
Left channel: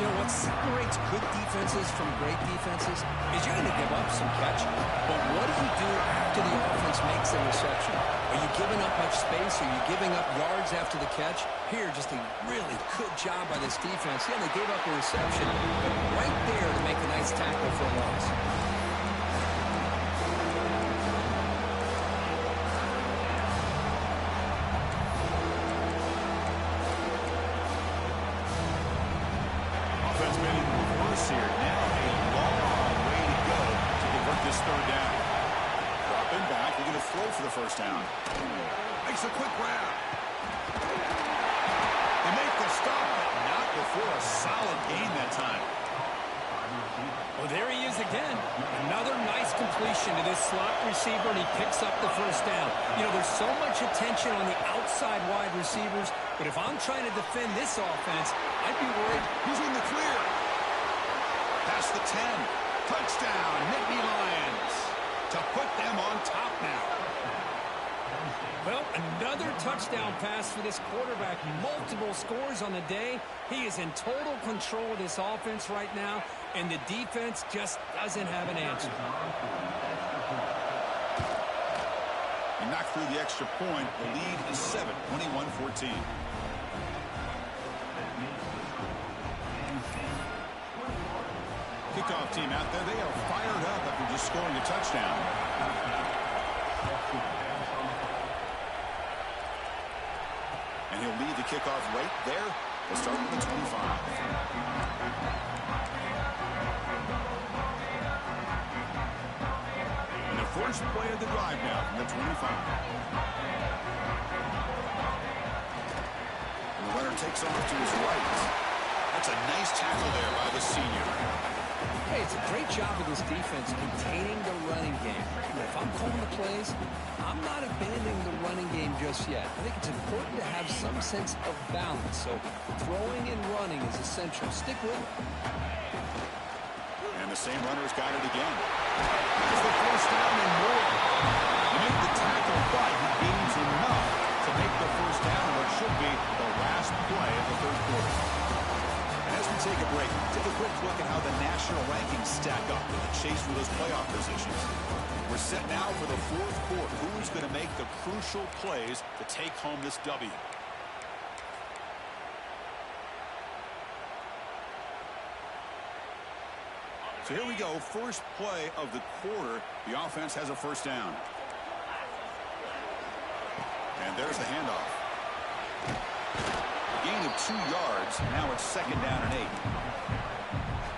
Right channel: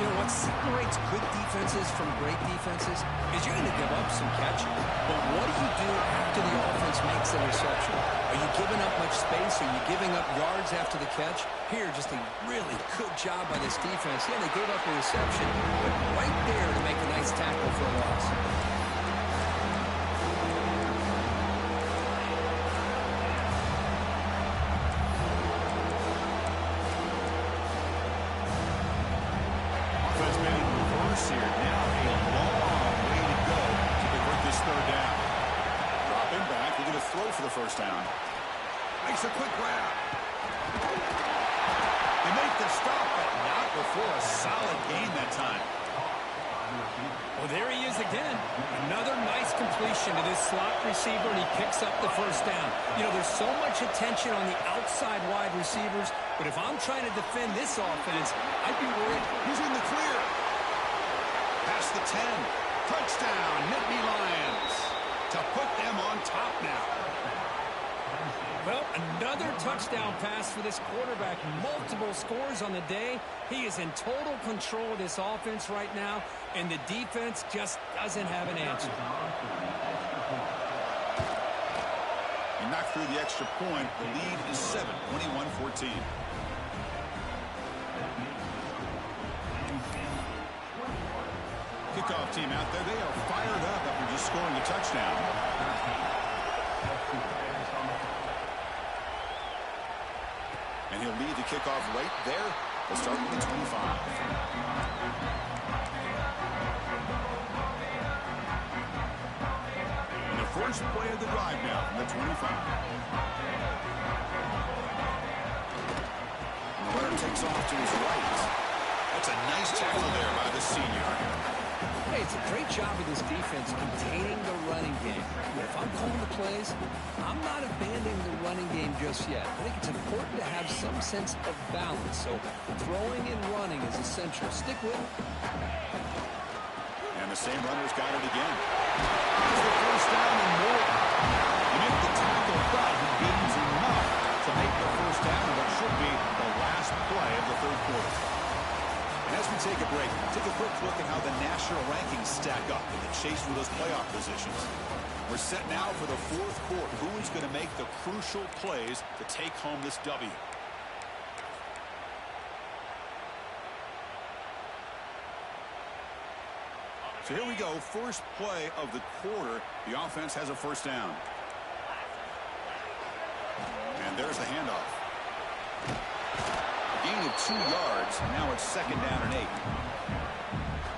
You know, what separates good defenses from great defenses is you're going to give up some catches. But what do you do after the offense makes the reception? Are you giving up much space? Are you giving up yards after the catch? Here, just a really good job by this defense. Yeah, they gave up a reception, but right there to make a nice tackle for a loss. Offense made it in reverse here. Now a long way to go to convert this third down. Dropping back. They're going to throw for the first down. Makes a quick grab. They make the stop, but not before a solid gain that time. Well, there he is again. Another nice completion to this slot receiver, and he picks up the first down. You know, there's so much attention on the outside wide receivers, but if I'm trying to defend this offense, I'd be worried. He's in the clear. Past the 10. Touchdown, Nittany Lions. To put them on top now. Well, another touchdown pass for this quarterback. Multiple scores on the day. He is in total control of this offense right now, and the defense just doesn't have an answer. He knocked through the extra point. The lead is 7, 21-14. Kickoff team out there. They are fired up after just scoring a touchdown. And he'll lead the kickoff right there. We'll start with the 25. And the first play of the drive now from the 25. And the runner takes off to his right. That's a nice tackle there by the senior. Hey, it's a great job of this defense containing the running game. But if I'm calling the plays, I'm not abandoning the running game just yet. I think it's important to have some sense of balance. So throwing and running is essential. Stick with it. And the same runner's got it again. Here's the first down and more. You make the tackle, but he gains enough to make the first down in what should be the last play of the third quarter. And as we take a break, take a quick look at how the national rankings stack up in the chase for those playoff positions. We're set now for the fourth quarter. Who is going to make the crucial plays to take home this W? So here we go. First play of the quarter. The offense has a first down. And there's the handoff. Gain of 2 yards. Now it's second down and 8.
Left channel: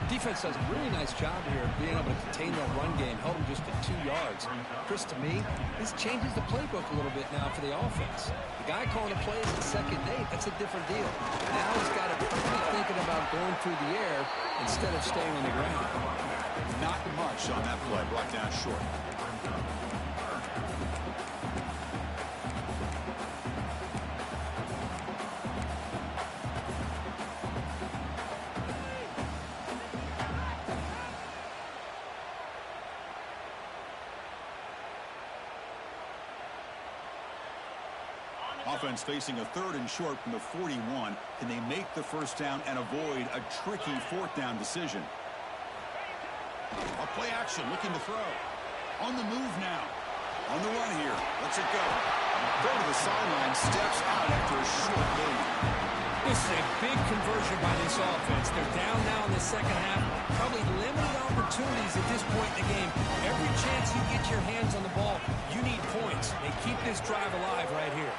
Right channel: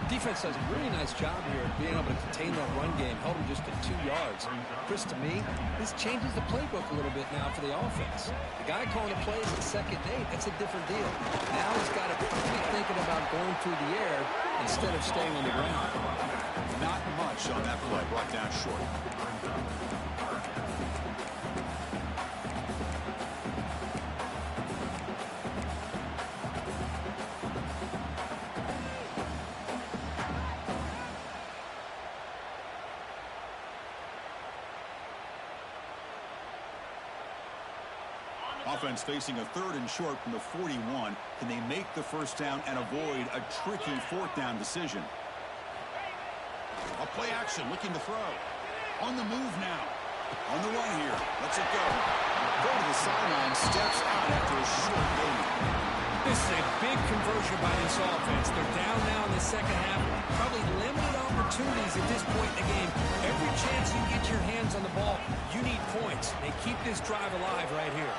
Defense does a really nice job here of being able to contain that run game, held them just at 2 yards. Chris, to me, this changes the playbook a little bit now for the offense. The guy calling the plays at second and 8, that's a different deal. Now he's got to be thinking about going through the air instead of staying on the ground. Not much on that play, brought down short. Offense facing a third and short from the 41. Can they make the first down and avoid a tricky fourth down decision? A play action, looking to throw. On the move now. On the run here. Lets it go. Go to the sideline, steps out after a short gain. This is a big conversion by this offense. They're down now in the second half. Probably limited opportunities at this point in the game. Every chance you get your hands on the ball, you need points. They keep this drive alive right here.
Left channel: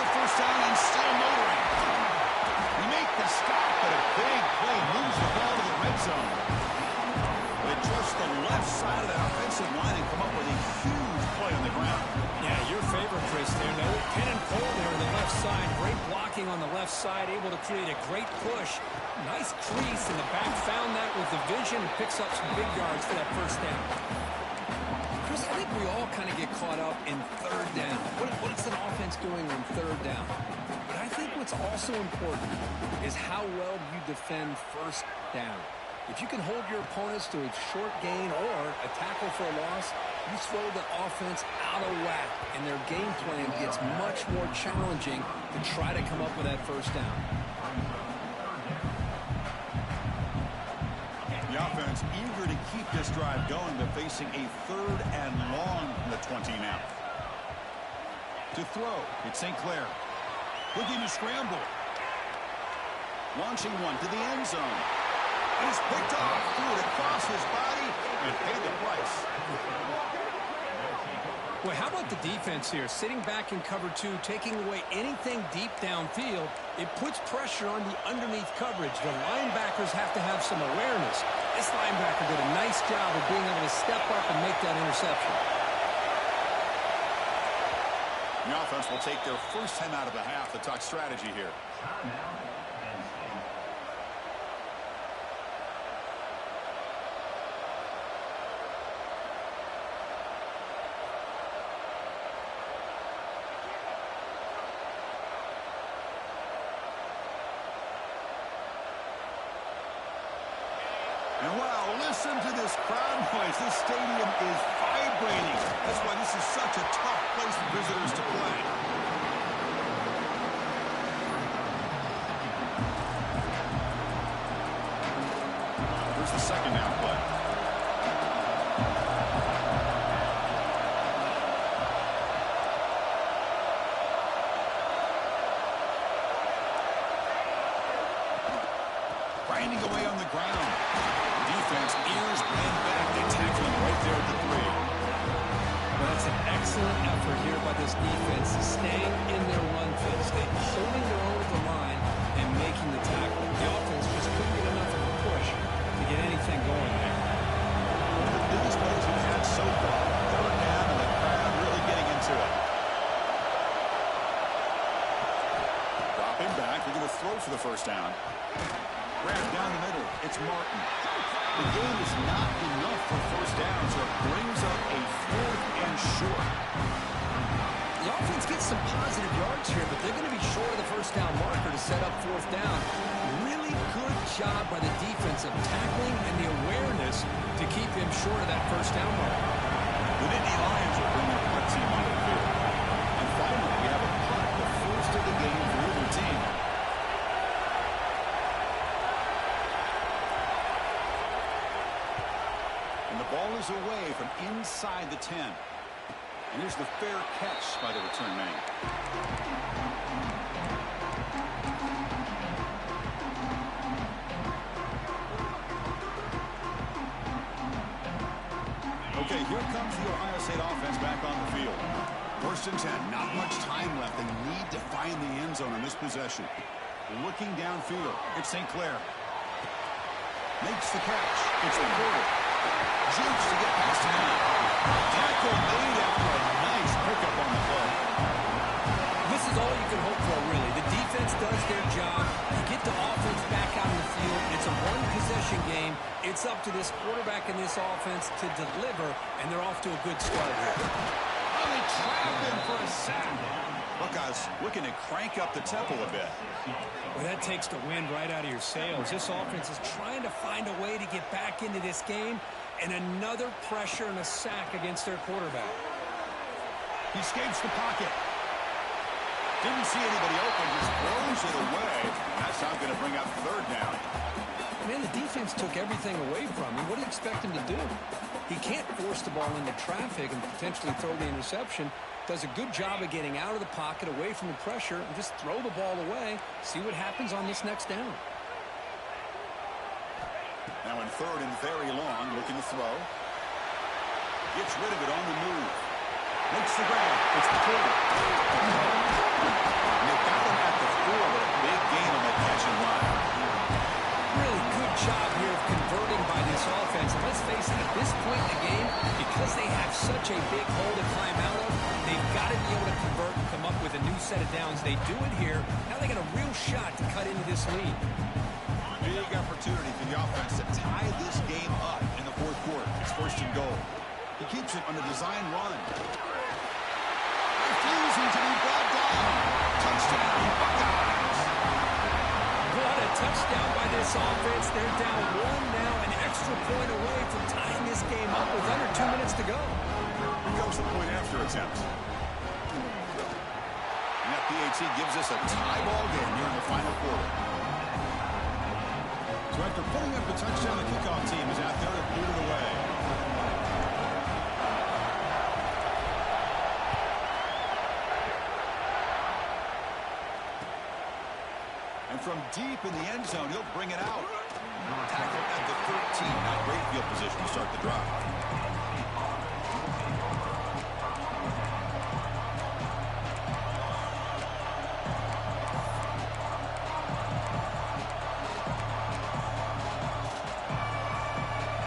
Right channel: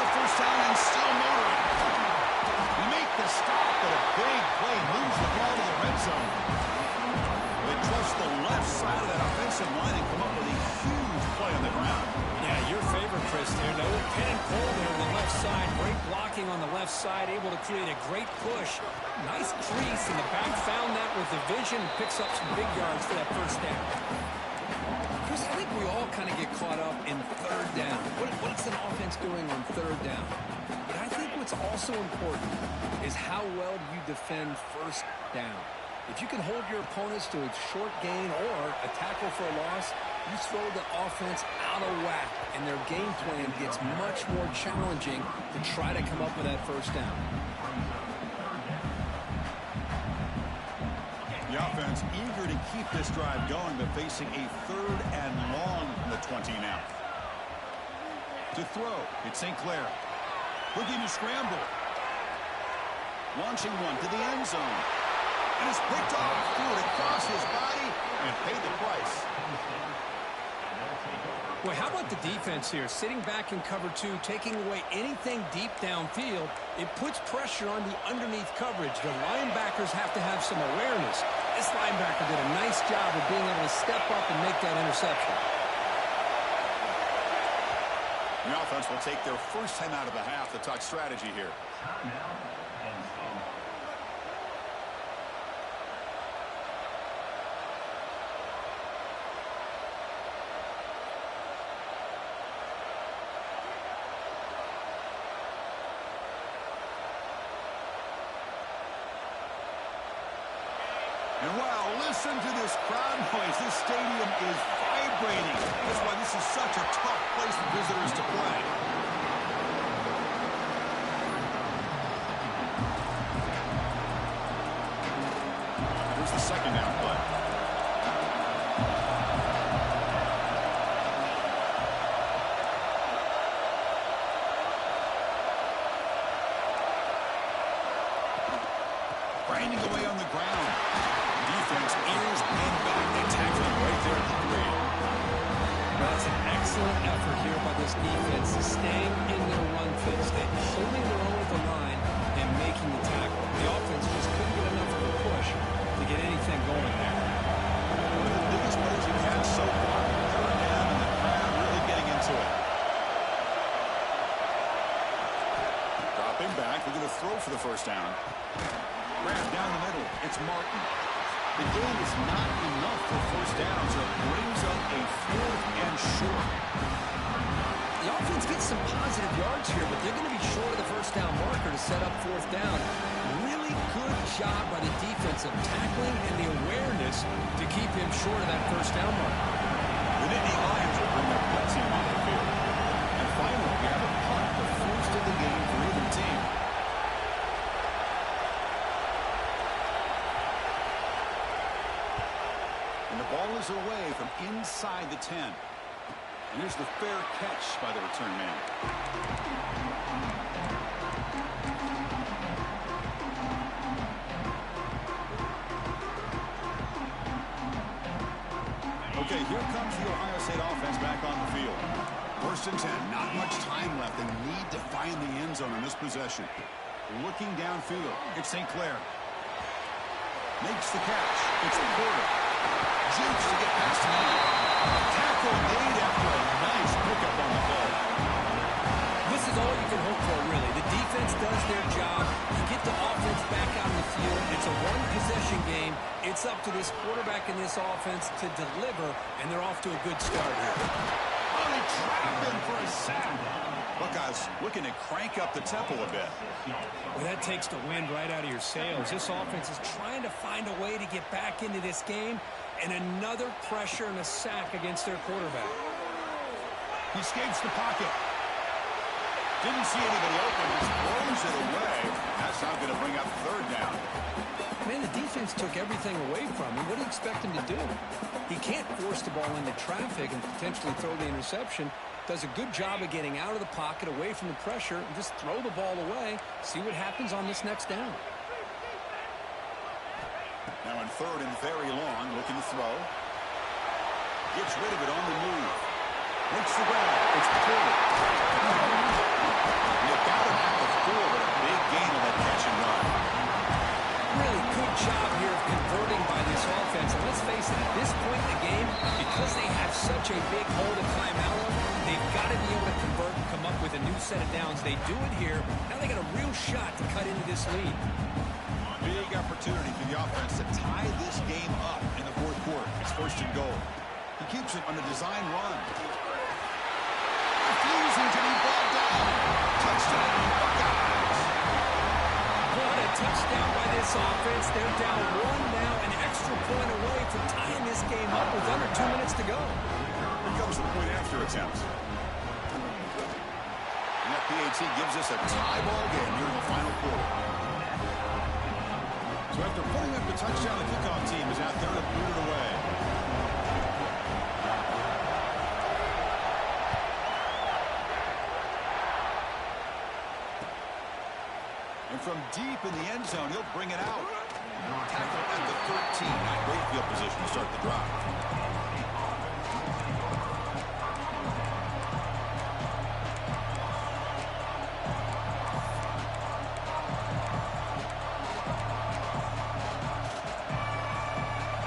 The first down and still motoring. We make the stop, but a big play moves the ball to the red zone. They trust the left side of that offensive line and come up with a huge play on the ground. Yeah, your favorite, Chris, there. No pin and pull there on the left side. Great blocking on the left side, able to create a great push. Nice crease in the back, found that with the vision and picks up some big yards for that first down. Chris, I think we all kind of get caught up in third down. What's an offense doing on third down? But I think what's also important is how well you defend first down. If you can hold your opponents to a short gain or a tackle for a loss, you throw the offense out of whack, and their game plan gets much more challenging to try to come up with that first down. The offense eager to keep this drive going, but facing a third and long from the 20 now. To throw, it's St. Clair. Looking to scramble. Launching one to the end zone. And it's picked off. Threw it across his body and paid the price. Well, how about the defense here? Sitting back in cover 2, taking away anything deep downfield. It puts pressure on the underneath coverage. The linebackers have to have some awareness. This linebacker did a nice job of being able to step up and make that interception. The offense will take their first time out of the half to talk strategy here. And wow, listen to this crowd noise. This stadium is vibrating. That's why this is such a tough place for visitors to play. Here's the second down play. Grinding away on the ground. Defense ears pinned back. They tackle him right there at the 3. Well, That's an excellent effort here by this defense, staying in their run fit, holding their own at the line and making the tackle. The offense just couldn't get enough of a push to get anything going there. One of the biggest plays we've had so far. Third down and the crowd really getting into it. Dropping back, they're going to throw for the first down. Grab down the middle, it's Martin. The game is not enough for first down, so it brings up a 4th and short. The offense gets some positive yards here, but they're going to be short of the first down marker to set up 4th down. Really good job by the defense of tackling and the awareness to keep him short of that first down marker. The Nittany Lions will bring their punt team onto the field. And finally, we have a punt, the first of the game for either team. And the ball is away from inside the 10. And here's the fair catch by the return man. Okay, here comes the Ohio State offense back on the field. 1st and 10, not much time left. They need to find the end zone on this possession. Looking downfield, it's St. Clair. Makes the catch. It's the quarter. Jukes to get past the man. Tackle made after a nice pickup on the play. This is all you can hope for, really. The defense does their job. You get the offense back out on the field. It's a one-possession game. It's up to this quarterback and this offense to deliver, and they're off to a good start here. Oh, they trap him for a sack. Buckeyes looking to crank up the tempo a bit. Well, that takes the wind right out of your sails. This offense is trying to find a way to get back into this game, and another pressure and a sack against their quarterback. He escapes the pocket. Didn't see anybody open, just throws it away. That's not going to bring up 3rd down. Man, the defense took everything away from him. What do you expect him to do? He can't force the ball into traffic and potentially throw the interception. Does a good job of getting out of the pocket, away from the pressure, and just throw the ball away. See what happens on this next down. Now in 3rd and very long, looking to throw. Gets rid of it on the move. Makes the grab. It's Porter. You got him at the 4, but a big gain on that catch and run. Really good job here of converting by this offense. And let's face it, at this point in the game, because they have such a big hole to climb out of, they've got to be able to convert and come up with a new set of downs. They do it here. Now they got a real shot to cut into this lead. Big opportunity for the offense to tie this game up in the 4th quarter. It's 1st and goal. He keeps it on a design run. Refusing to be brought down. Touchdown, Buckeyes. What a touchdown by this offense. They're down 1 now, an extra point away from tying this game up with under 2 minutes to go. Here comes the point after attempt. And that PAT gives us a tie ball game here in the final quarter. So after putting up the touchdown, the kickoff team is out there to boot it away. And from deep in the end zone, he'll bring it out. Tackle at the 13. Not great field position to start the drive.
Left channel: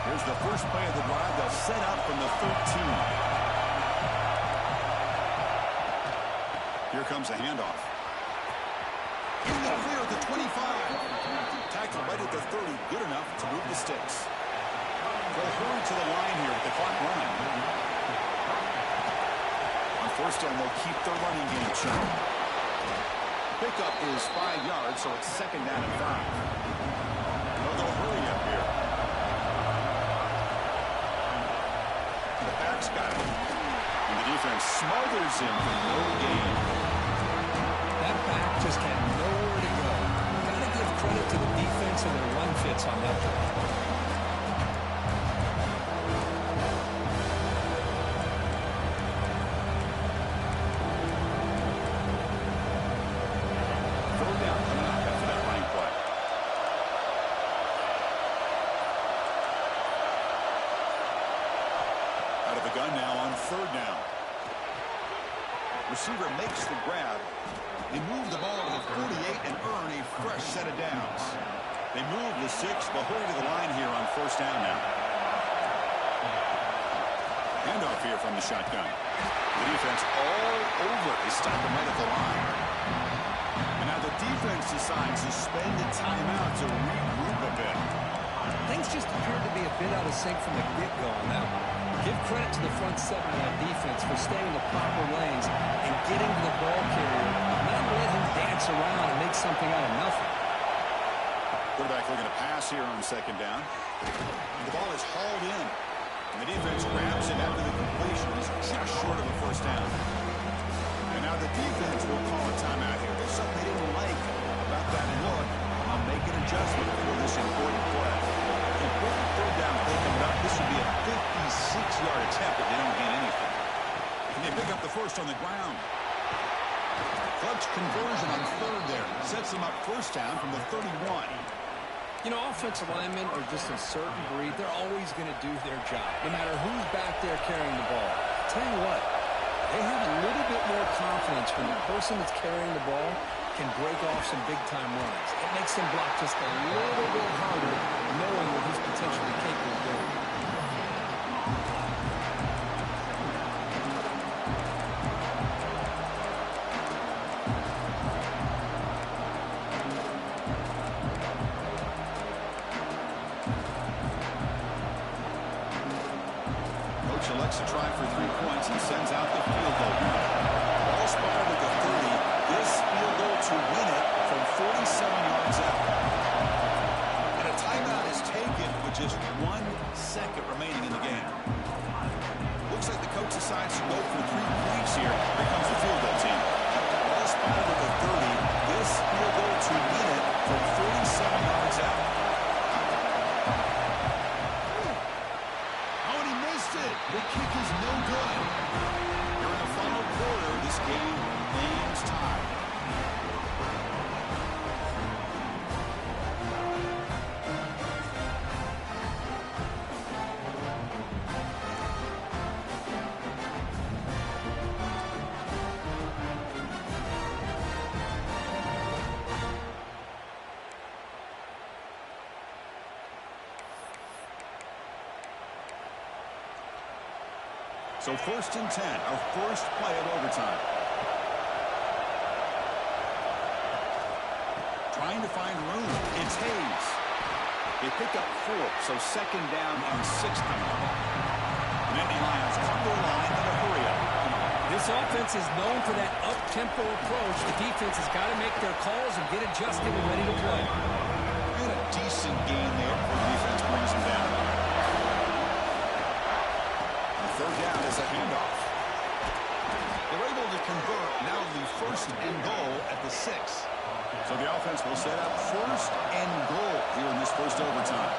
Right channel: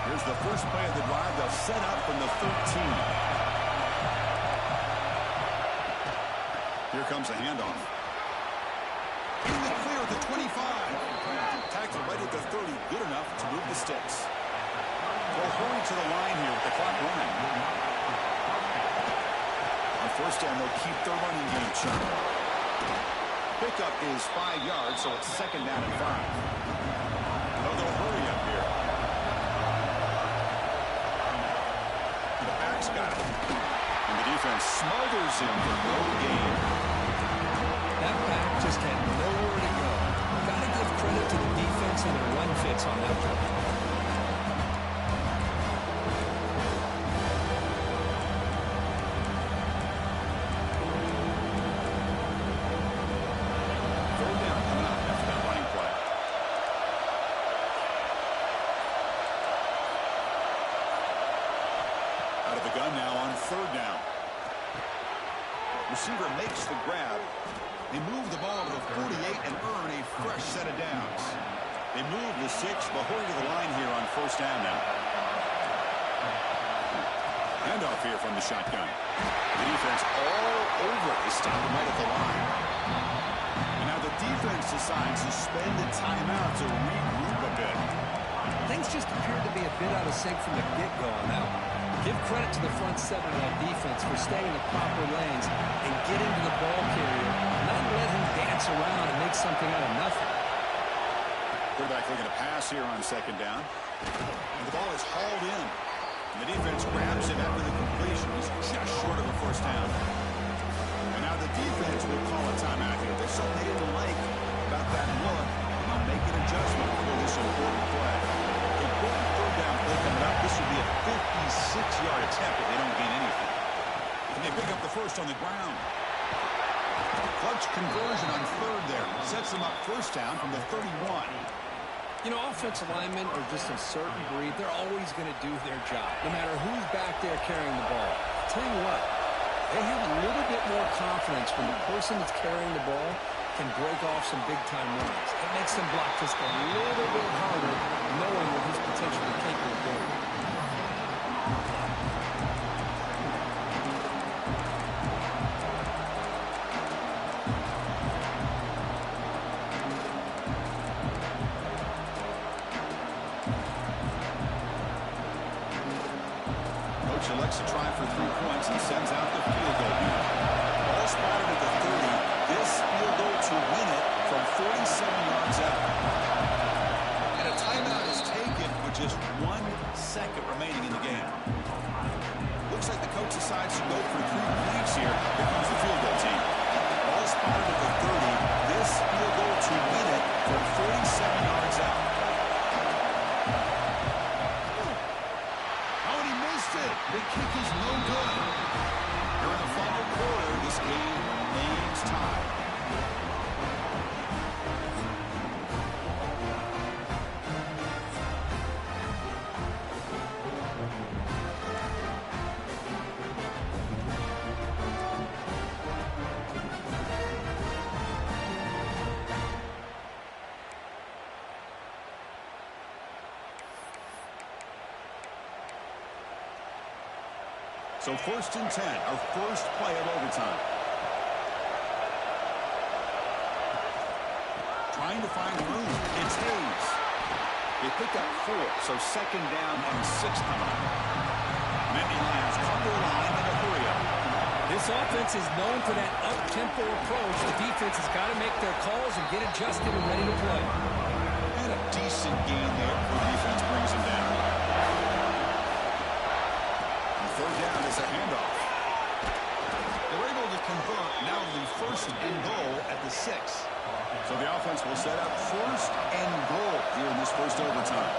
Here's the first play of the drive. They'll set up from the 13. Here comes a handoff. In the clear at the 25. Tackle right at the 30. Good enough to move the sticks. They'll hurry to the line here with the clock running. On 1st down, they'll keep their running game churning. Pickup is 5 yards, so it's 2nd down and 5. They'll go hurry up here. The back's got it. And the defense smothers him for no gain. That back just had nowhere to go. Got to give credit to the defense and their run fits on that play. Third down coming up after that running play. Out of the gun now on 3rd down. Receiver makes the grab. They move the ball to the 48 and earn a fresh set of downs. They move the 6, but hurry to the line here on first down now. Handoff here from the shotgun. The defense all over. They stop him right at the line. And now the defense decides to spend a timeout to regroup a bit. Things just appeared to be a bit out of sync from the get-go on that one. Give credit to the front 7 of that defense for staying in the proper lanes and getting to the ball carrier, not let him dance around and make something out of nothing. Quarterback looking to pass here on second down. And the ball is hauled in. And the defense grabs him after the completion. He's just short of a first down. And now the defense will call a timeout here. There's something they didn't like about that look. And they'll make an adjustment for this important play. Important third down play coming up. This would be a 56-yard attempt if they don't gain anything. And they pick up the first on the ground. Clutch conversion on third there. Sets them up first down from the 31. You know, offensive linemen are just a certain breed. They're always going to do their job, no matter who's back there carrying the ball. I'll tell you what, they have a little bit more confidence when the person that's carrying the ball can break off some big-time runs. It makes them block just a little bit harder, knowing what he's potentially capable of doing. Elects to try for 3 points and sends out the field goal unit. Ball spotted at the 30. This field goal to win it from 47 yards out. And a timeout is taken with just 1 second remaining in the game. Looks like the coach decides to go for 3 points here. Here comes the field goal team. Ball spotted at the 30. This field goal to win it from 47 yards out. The kick is no good. Here in the final quarter, this game remains tied. So 1st and 10, our first play of overtime. Trying to find room. It's Hayes. They pick up 4, so 2nd down and 6 coming up. Nittany Lions come to the line in a hurry up. This offense is known for that up-tempo approach. The defense has got to make their calls and get adjusted and ready to play. And a decent gain there before the defense brings him down. Third down is a handoff. They're able to convert now the 1st and goal at the 6. So the offense will set up 1st and goal here in this first overtime.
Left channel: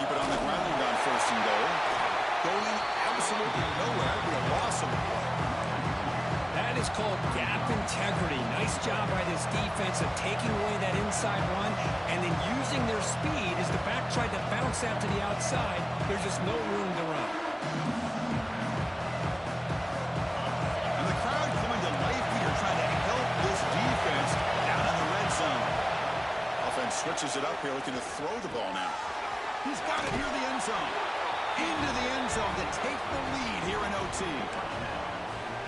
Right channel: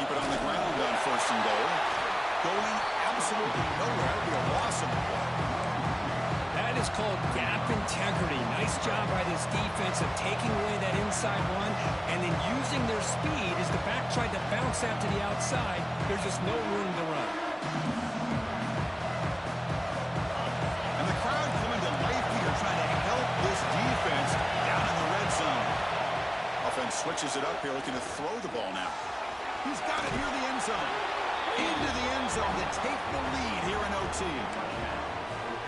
Keep it on the ground on 1st and goal. Going absolutely nowhere. It'll be a loss of the play. That is called gap integrity. Nice job by this defense of taking away that inside run and then using their speed as the back tried to bounce out to the outside. There's just no room to run. And the crowd coming to life here trying to help this defense down in the red zone. Offense switches it up here, looking to throw the ball now. He's got it near the end zone. Into the end zone to take the lead here in OT.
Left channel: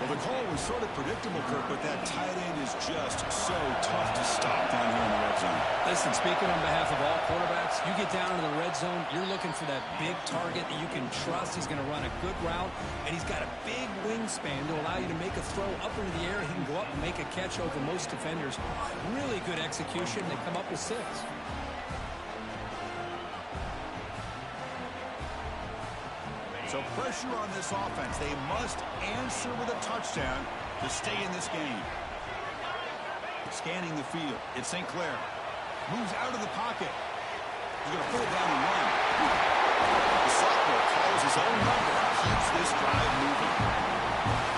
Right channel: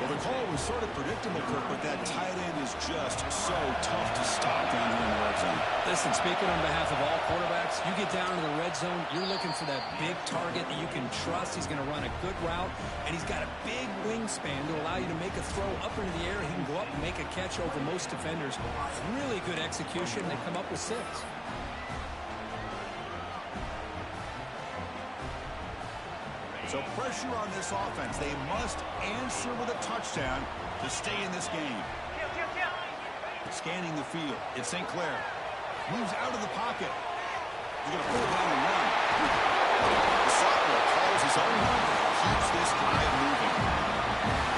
Well, the call was sort of predictable, Kirk, but that tight end is just so tough to stop down here in the red zone. Listen, speaking on behalf of all quarterbacks, you get down into the red zone, you're looking for that big target that you can trust. He's going to run a good route, and he's got a big wingspan to allow you to make a throw up into the air. He can go up and make a catch over most defenders. Really good execution. They come up with 6. So pressure on this offense. They must answer with a touchdown to stay in this game. Scanning the field. It's St. Clair. Moves out of the pocket. He's going to pull it down and run. The sophomore calls his own number and keeps this drive moving.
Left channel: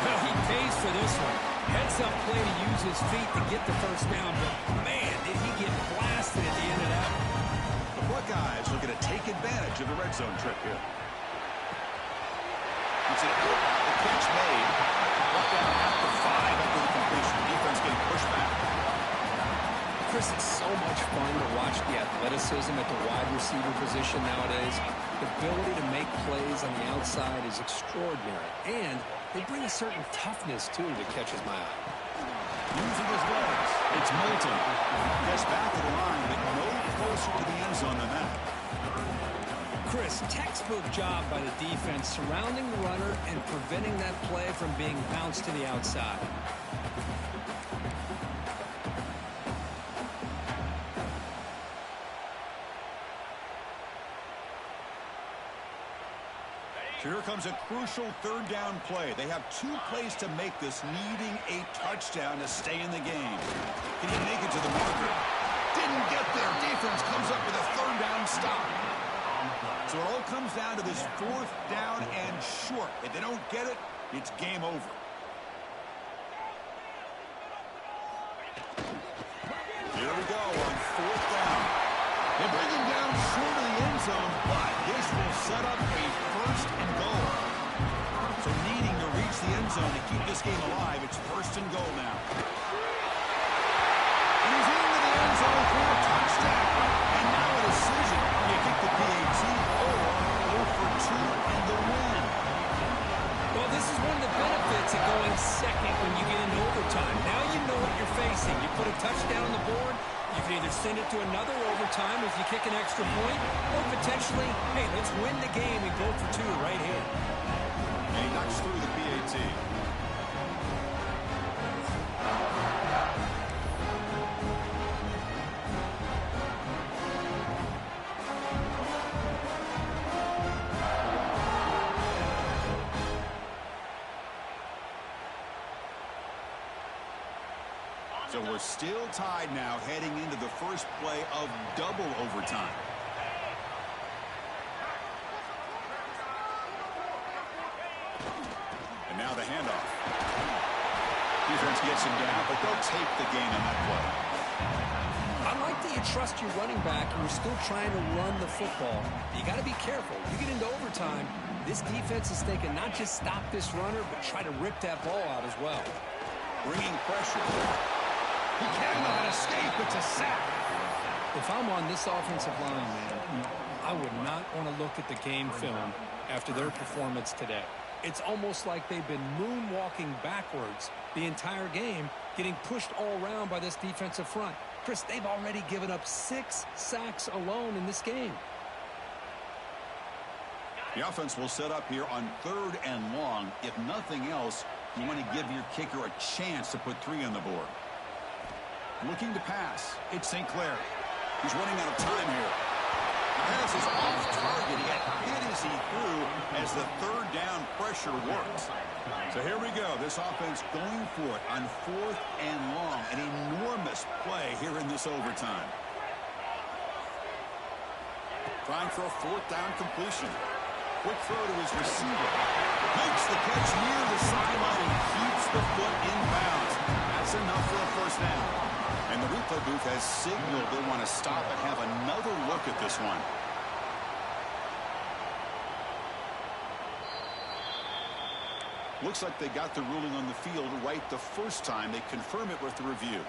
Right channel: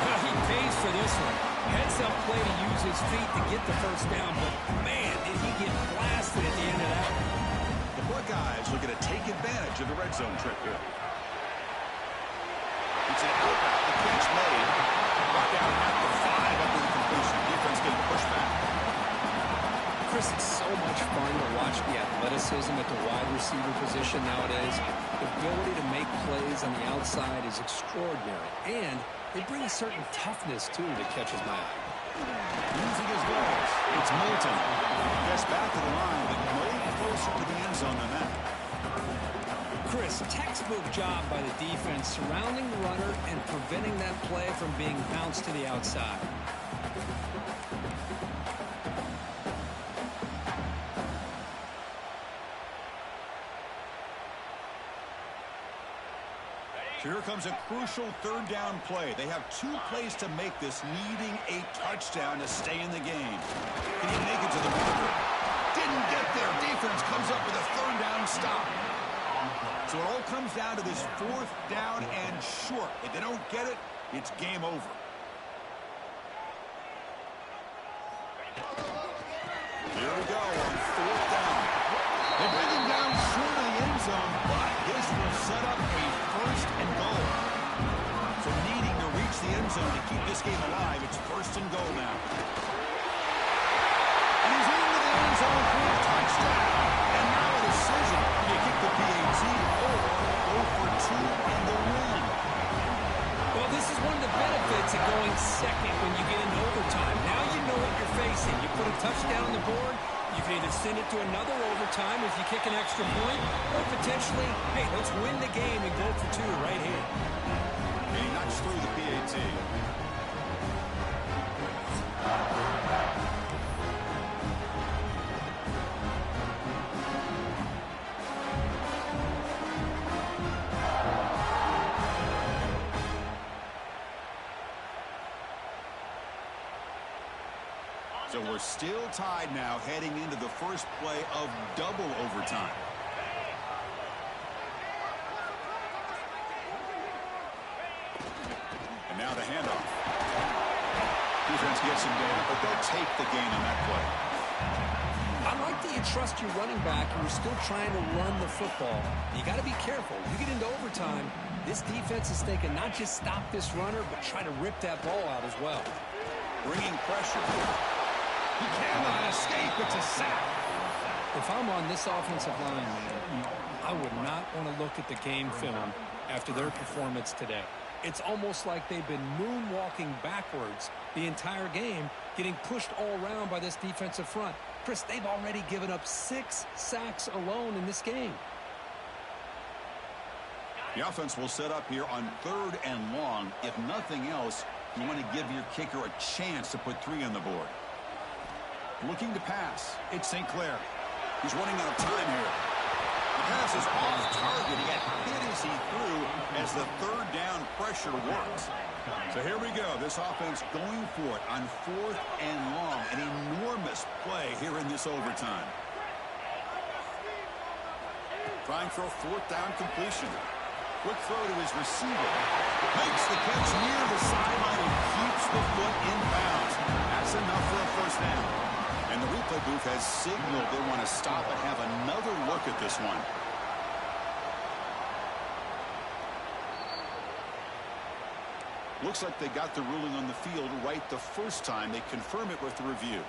Well, he pays for this one. Heads-up play to use his feet to get the first down, but man, did he get blasted at the end of that one. The Buckeyes looking to take advantage of the red zone trip here. It's an out route. The catch made. Brought down at the 5 after the completion. Defense getting pushed back. Chris, it's so much fun to watch the athleticism at the wide receiver position nowadays. The ability to make plays on the outside is extraordinary. And they bring a certain toughness, too, that catches my eye. Using his legs. It's Moulton. Gets back to the line, but no closer to the end zone than that. Chris, textbook job by the defense surrounding the runner and preventing that play from being bounced to the outside. So here comes a crucial third down play. They have 2 plays to make this, needing a touchdown to stay in the game. Can he make it to the marker? Didn't get there. Defense comes up with a third down stop. So it all comes down to this 4th down and short. If they don't get it, it's game over. Here we go on 4th down. They bring him down short of the end zone, but this will set up a 1st and goal. So needing to reach the end zone to keep this game alive, it's 1st and goal now. And he's into the end zone for a touchdown. And now a decision. You kick the PAT or go for 2 and the win. Well, this is one of the benefits of going second when you get into overtime. Now you know what you're facing. You put a touchdown on the board, you can either send it to another overtime if you kick an extra point, or potentially, hey, let's win the game and go for 2 right here. And he knocks through the PAT. So we're still tied now heading into the first play of double overtime. And now the handoff. Defense gets him down, but they'll take the gain on that play. I like that you trust your running back and you're still trying to run the football. You got to be careful. You get into overtime, this defense is thinking not just stop this runner, but try to rip that ball out as well. Bringing pressure. He cannot escape. It's a sack. If I'm on this offensive line, man, I would not want to look at the game film after their performance today. It's almost like they've been moonwalking backwards the entire game, getting pushed all around by this defensive front. Chris, they've already given up 6 sacks alone in this game. The offense will set up here on 3rd and long. If nothing else, you want to give your kicker a chance to put 3 on the board. Looking to pass. It's St. Clair. He's running out of time here. The pass is off target. He got hit as he threw as the 3rd down pressure works. So here we go. This offense going for it on 4th and long. An enormous play here in this overtime. Trying for a 4th down completion. Quick throw to his receiver. Makes the catch near the sideline and keeps the foot in bounds. That's enough for a 1st down. And the replay booth has signaled they want to stop and have another look at this one. Looks like they got the ruling on the field right the first time. They confirm it with the review.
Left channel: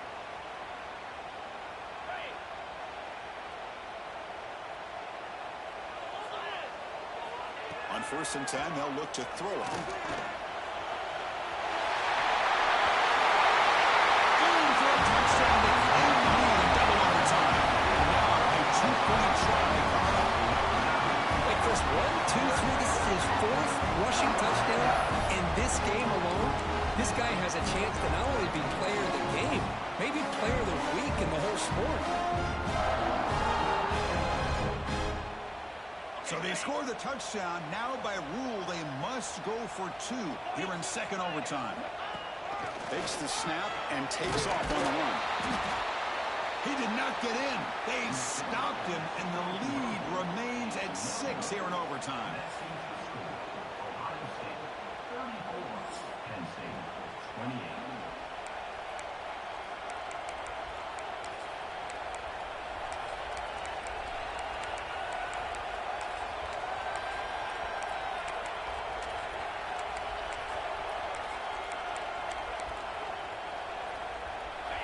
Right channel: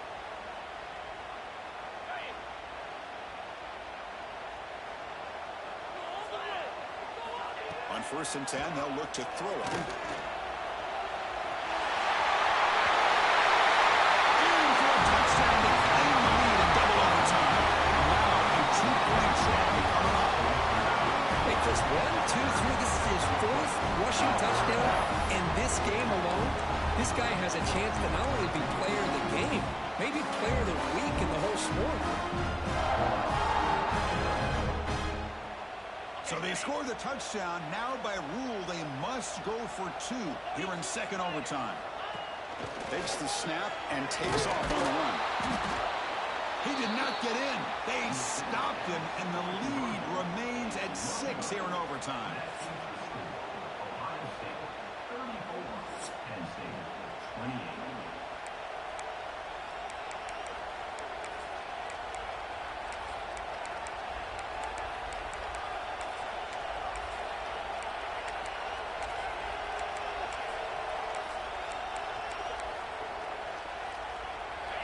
On 1st and 10, they'll look to throw it. Touchdown to claim the lead in double overtime. And now a 2-point try coming up. Wait, Chris, 1, 2, 3. This is his 4th rushing touchdown in this game alone. This guy has a chance to not only be player of the game, maybe player of the week in the whole sport. So they score the touchdown. Now by rule, they must go for 2 here in 2nd overtime. Takes the snap and takes off on the run. He did not get in. They stopped him, and the lead remains at 6 here in overtime. Ohio State 34, Penn State 28.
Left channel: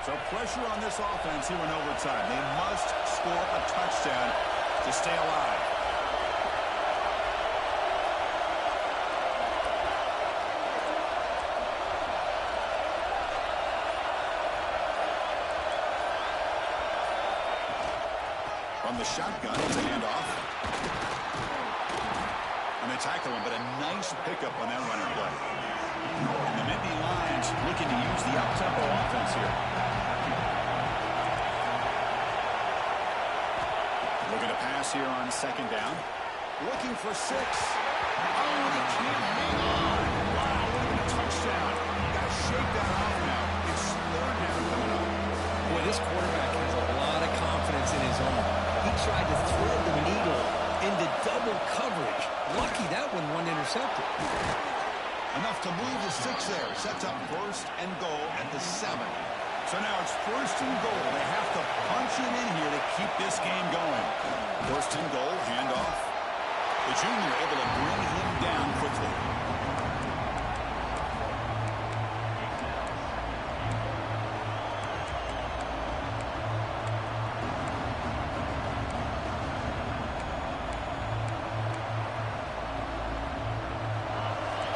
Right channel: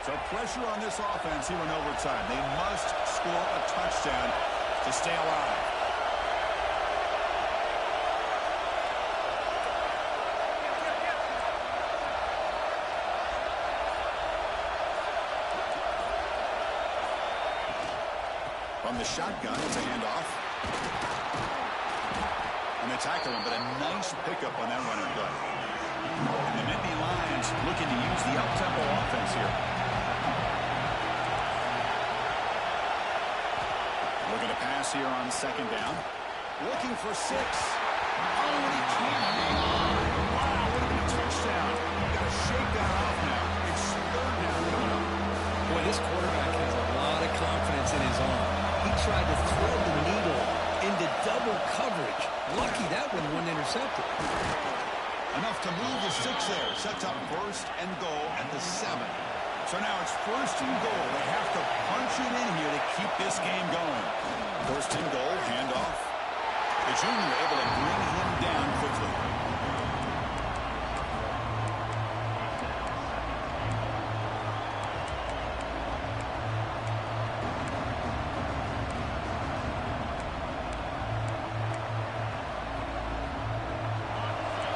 So pressure on this offense here in overtime. They must score a touchdown to stay alive. From the shotgun, it's a handoff. And they tackle him, but a nice pickup on that running play. And the Nittany Lions looking to use the up-tempo offense here. Looking to pass here on second down. Looking for 6. Oh, and he can't hang on. Wow, would have been a touchdown. Got to shake that off now. It's third down coming up. Boy, this quarterback has a lot of confidence in his arm. He tried to thread the needle into double coverage. Lucky that one wasn't intercepted. Enough to move the 6 there. Sets up first and goal at the 7. So now it's first and goal. They have to punch it in here to keep this game going. First and goal, handoff. The junior able to bring him down quickly.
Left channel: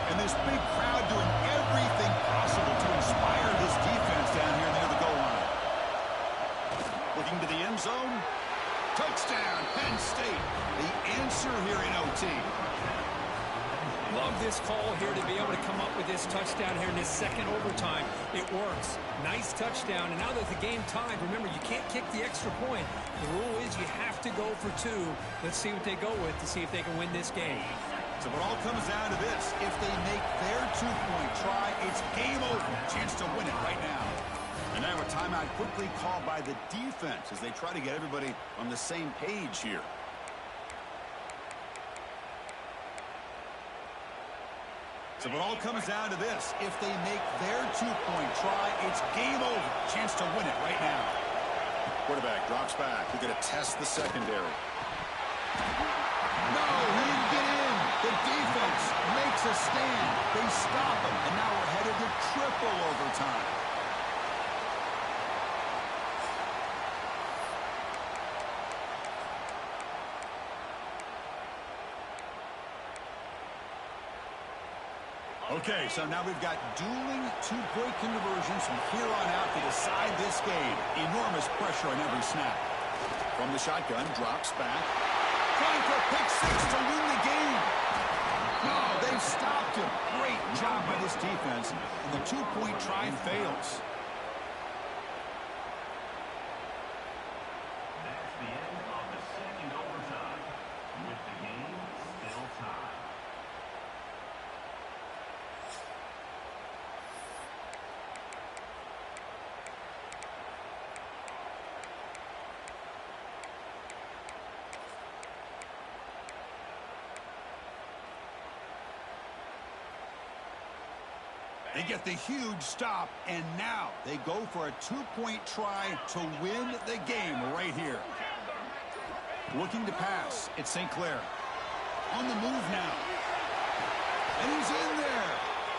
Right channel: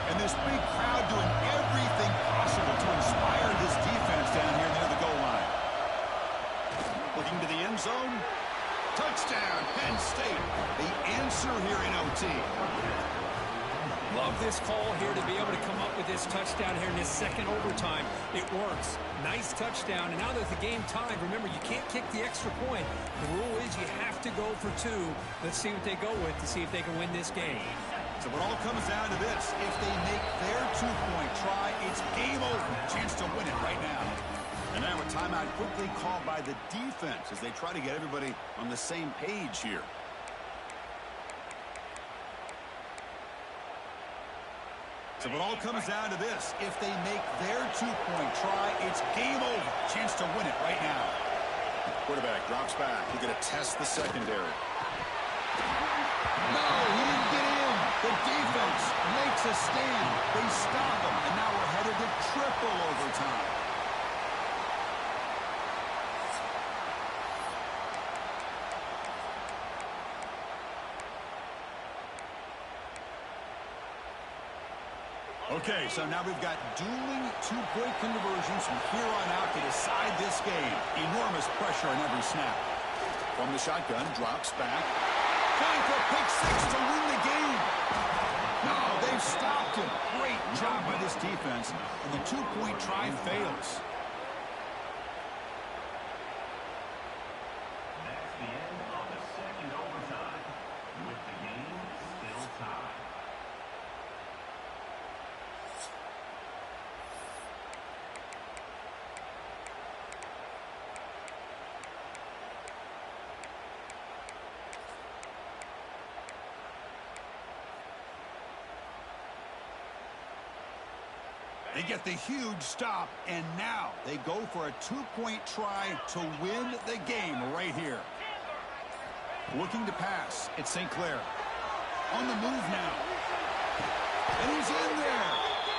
And this big crowd doing everything possible to inspire this defense down here near the goal line. Looking to the end zone. Touchdown, Penn State. The answer here in OT. Love this call here to be able to come up with this touchdown here in this second overtime. It works. Nice touchdown. And now that the game tied, remember, you can't kick the extra point. The rule is you have to go for 2. Let's see what they go with to see if they can win this game. So it all comes down to this. If they make their 2-point try, it's game over. Chance to win it right now. And now a timeout quickly called by the defense as they try to get everybody on the same page here. So it all comes down to this. If they make their 2-point try, it's game over. Chance to win it right now. Quarterback drops back. We're going to test the secondary. No, he didn't get in. The defense makes a stand. They stop him, and now we're headed to triple overtime. Okay, so now we've got dueling 2-point conversions from here on out to decide this game. Enormous pressure on every snap. From the shotgun, drops back. Trying for a pick 6 to win the game. No, they've stopped him. Great job by this defense. And the 2-point try fails. That's the end of the second overtime, with the game still tied. They get the huge stop, and now they go for a 2-point try to win the game right here. Looking to pass. It's St. Clair. On the move now. And he's in there.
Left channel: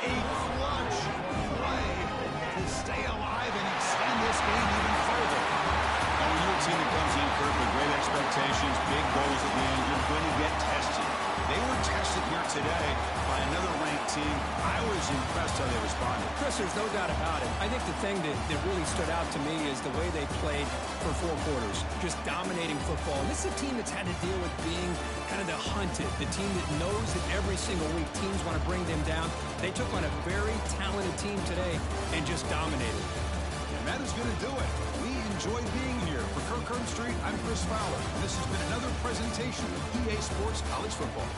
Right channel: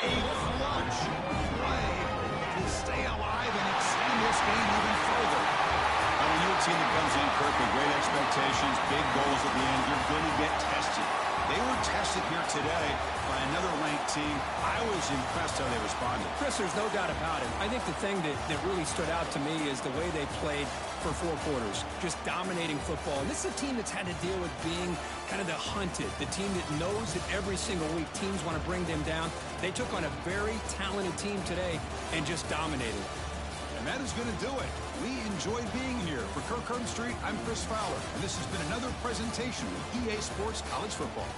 A clutch play to stay alive and extend this game even further. Now, when you're a team that comes in, Kirk, with great expectations, big goals at the end, you're going to get tested. They were tested here today by another ranked team. I was impressed how they responded. Chris, there's no doubt about it. I think the thing that really stood out to me is the way they played for 4 quarters, just dominating football. And this is a team that's had to deal with being kind of the hunted, the team that knows that every single week teams want to bring them down. They took on a very talented team today and just dominated. And that is going to do it. We enjoyed being here. For Kirk Street, I'm Chris Fowler, and this has been another presentation of EA Sports College Football.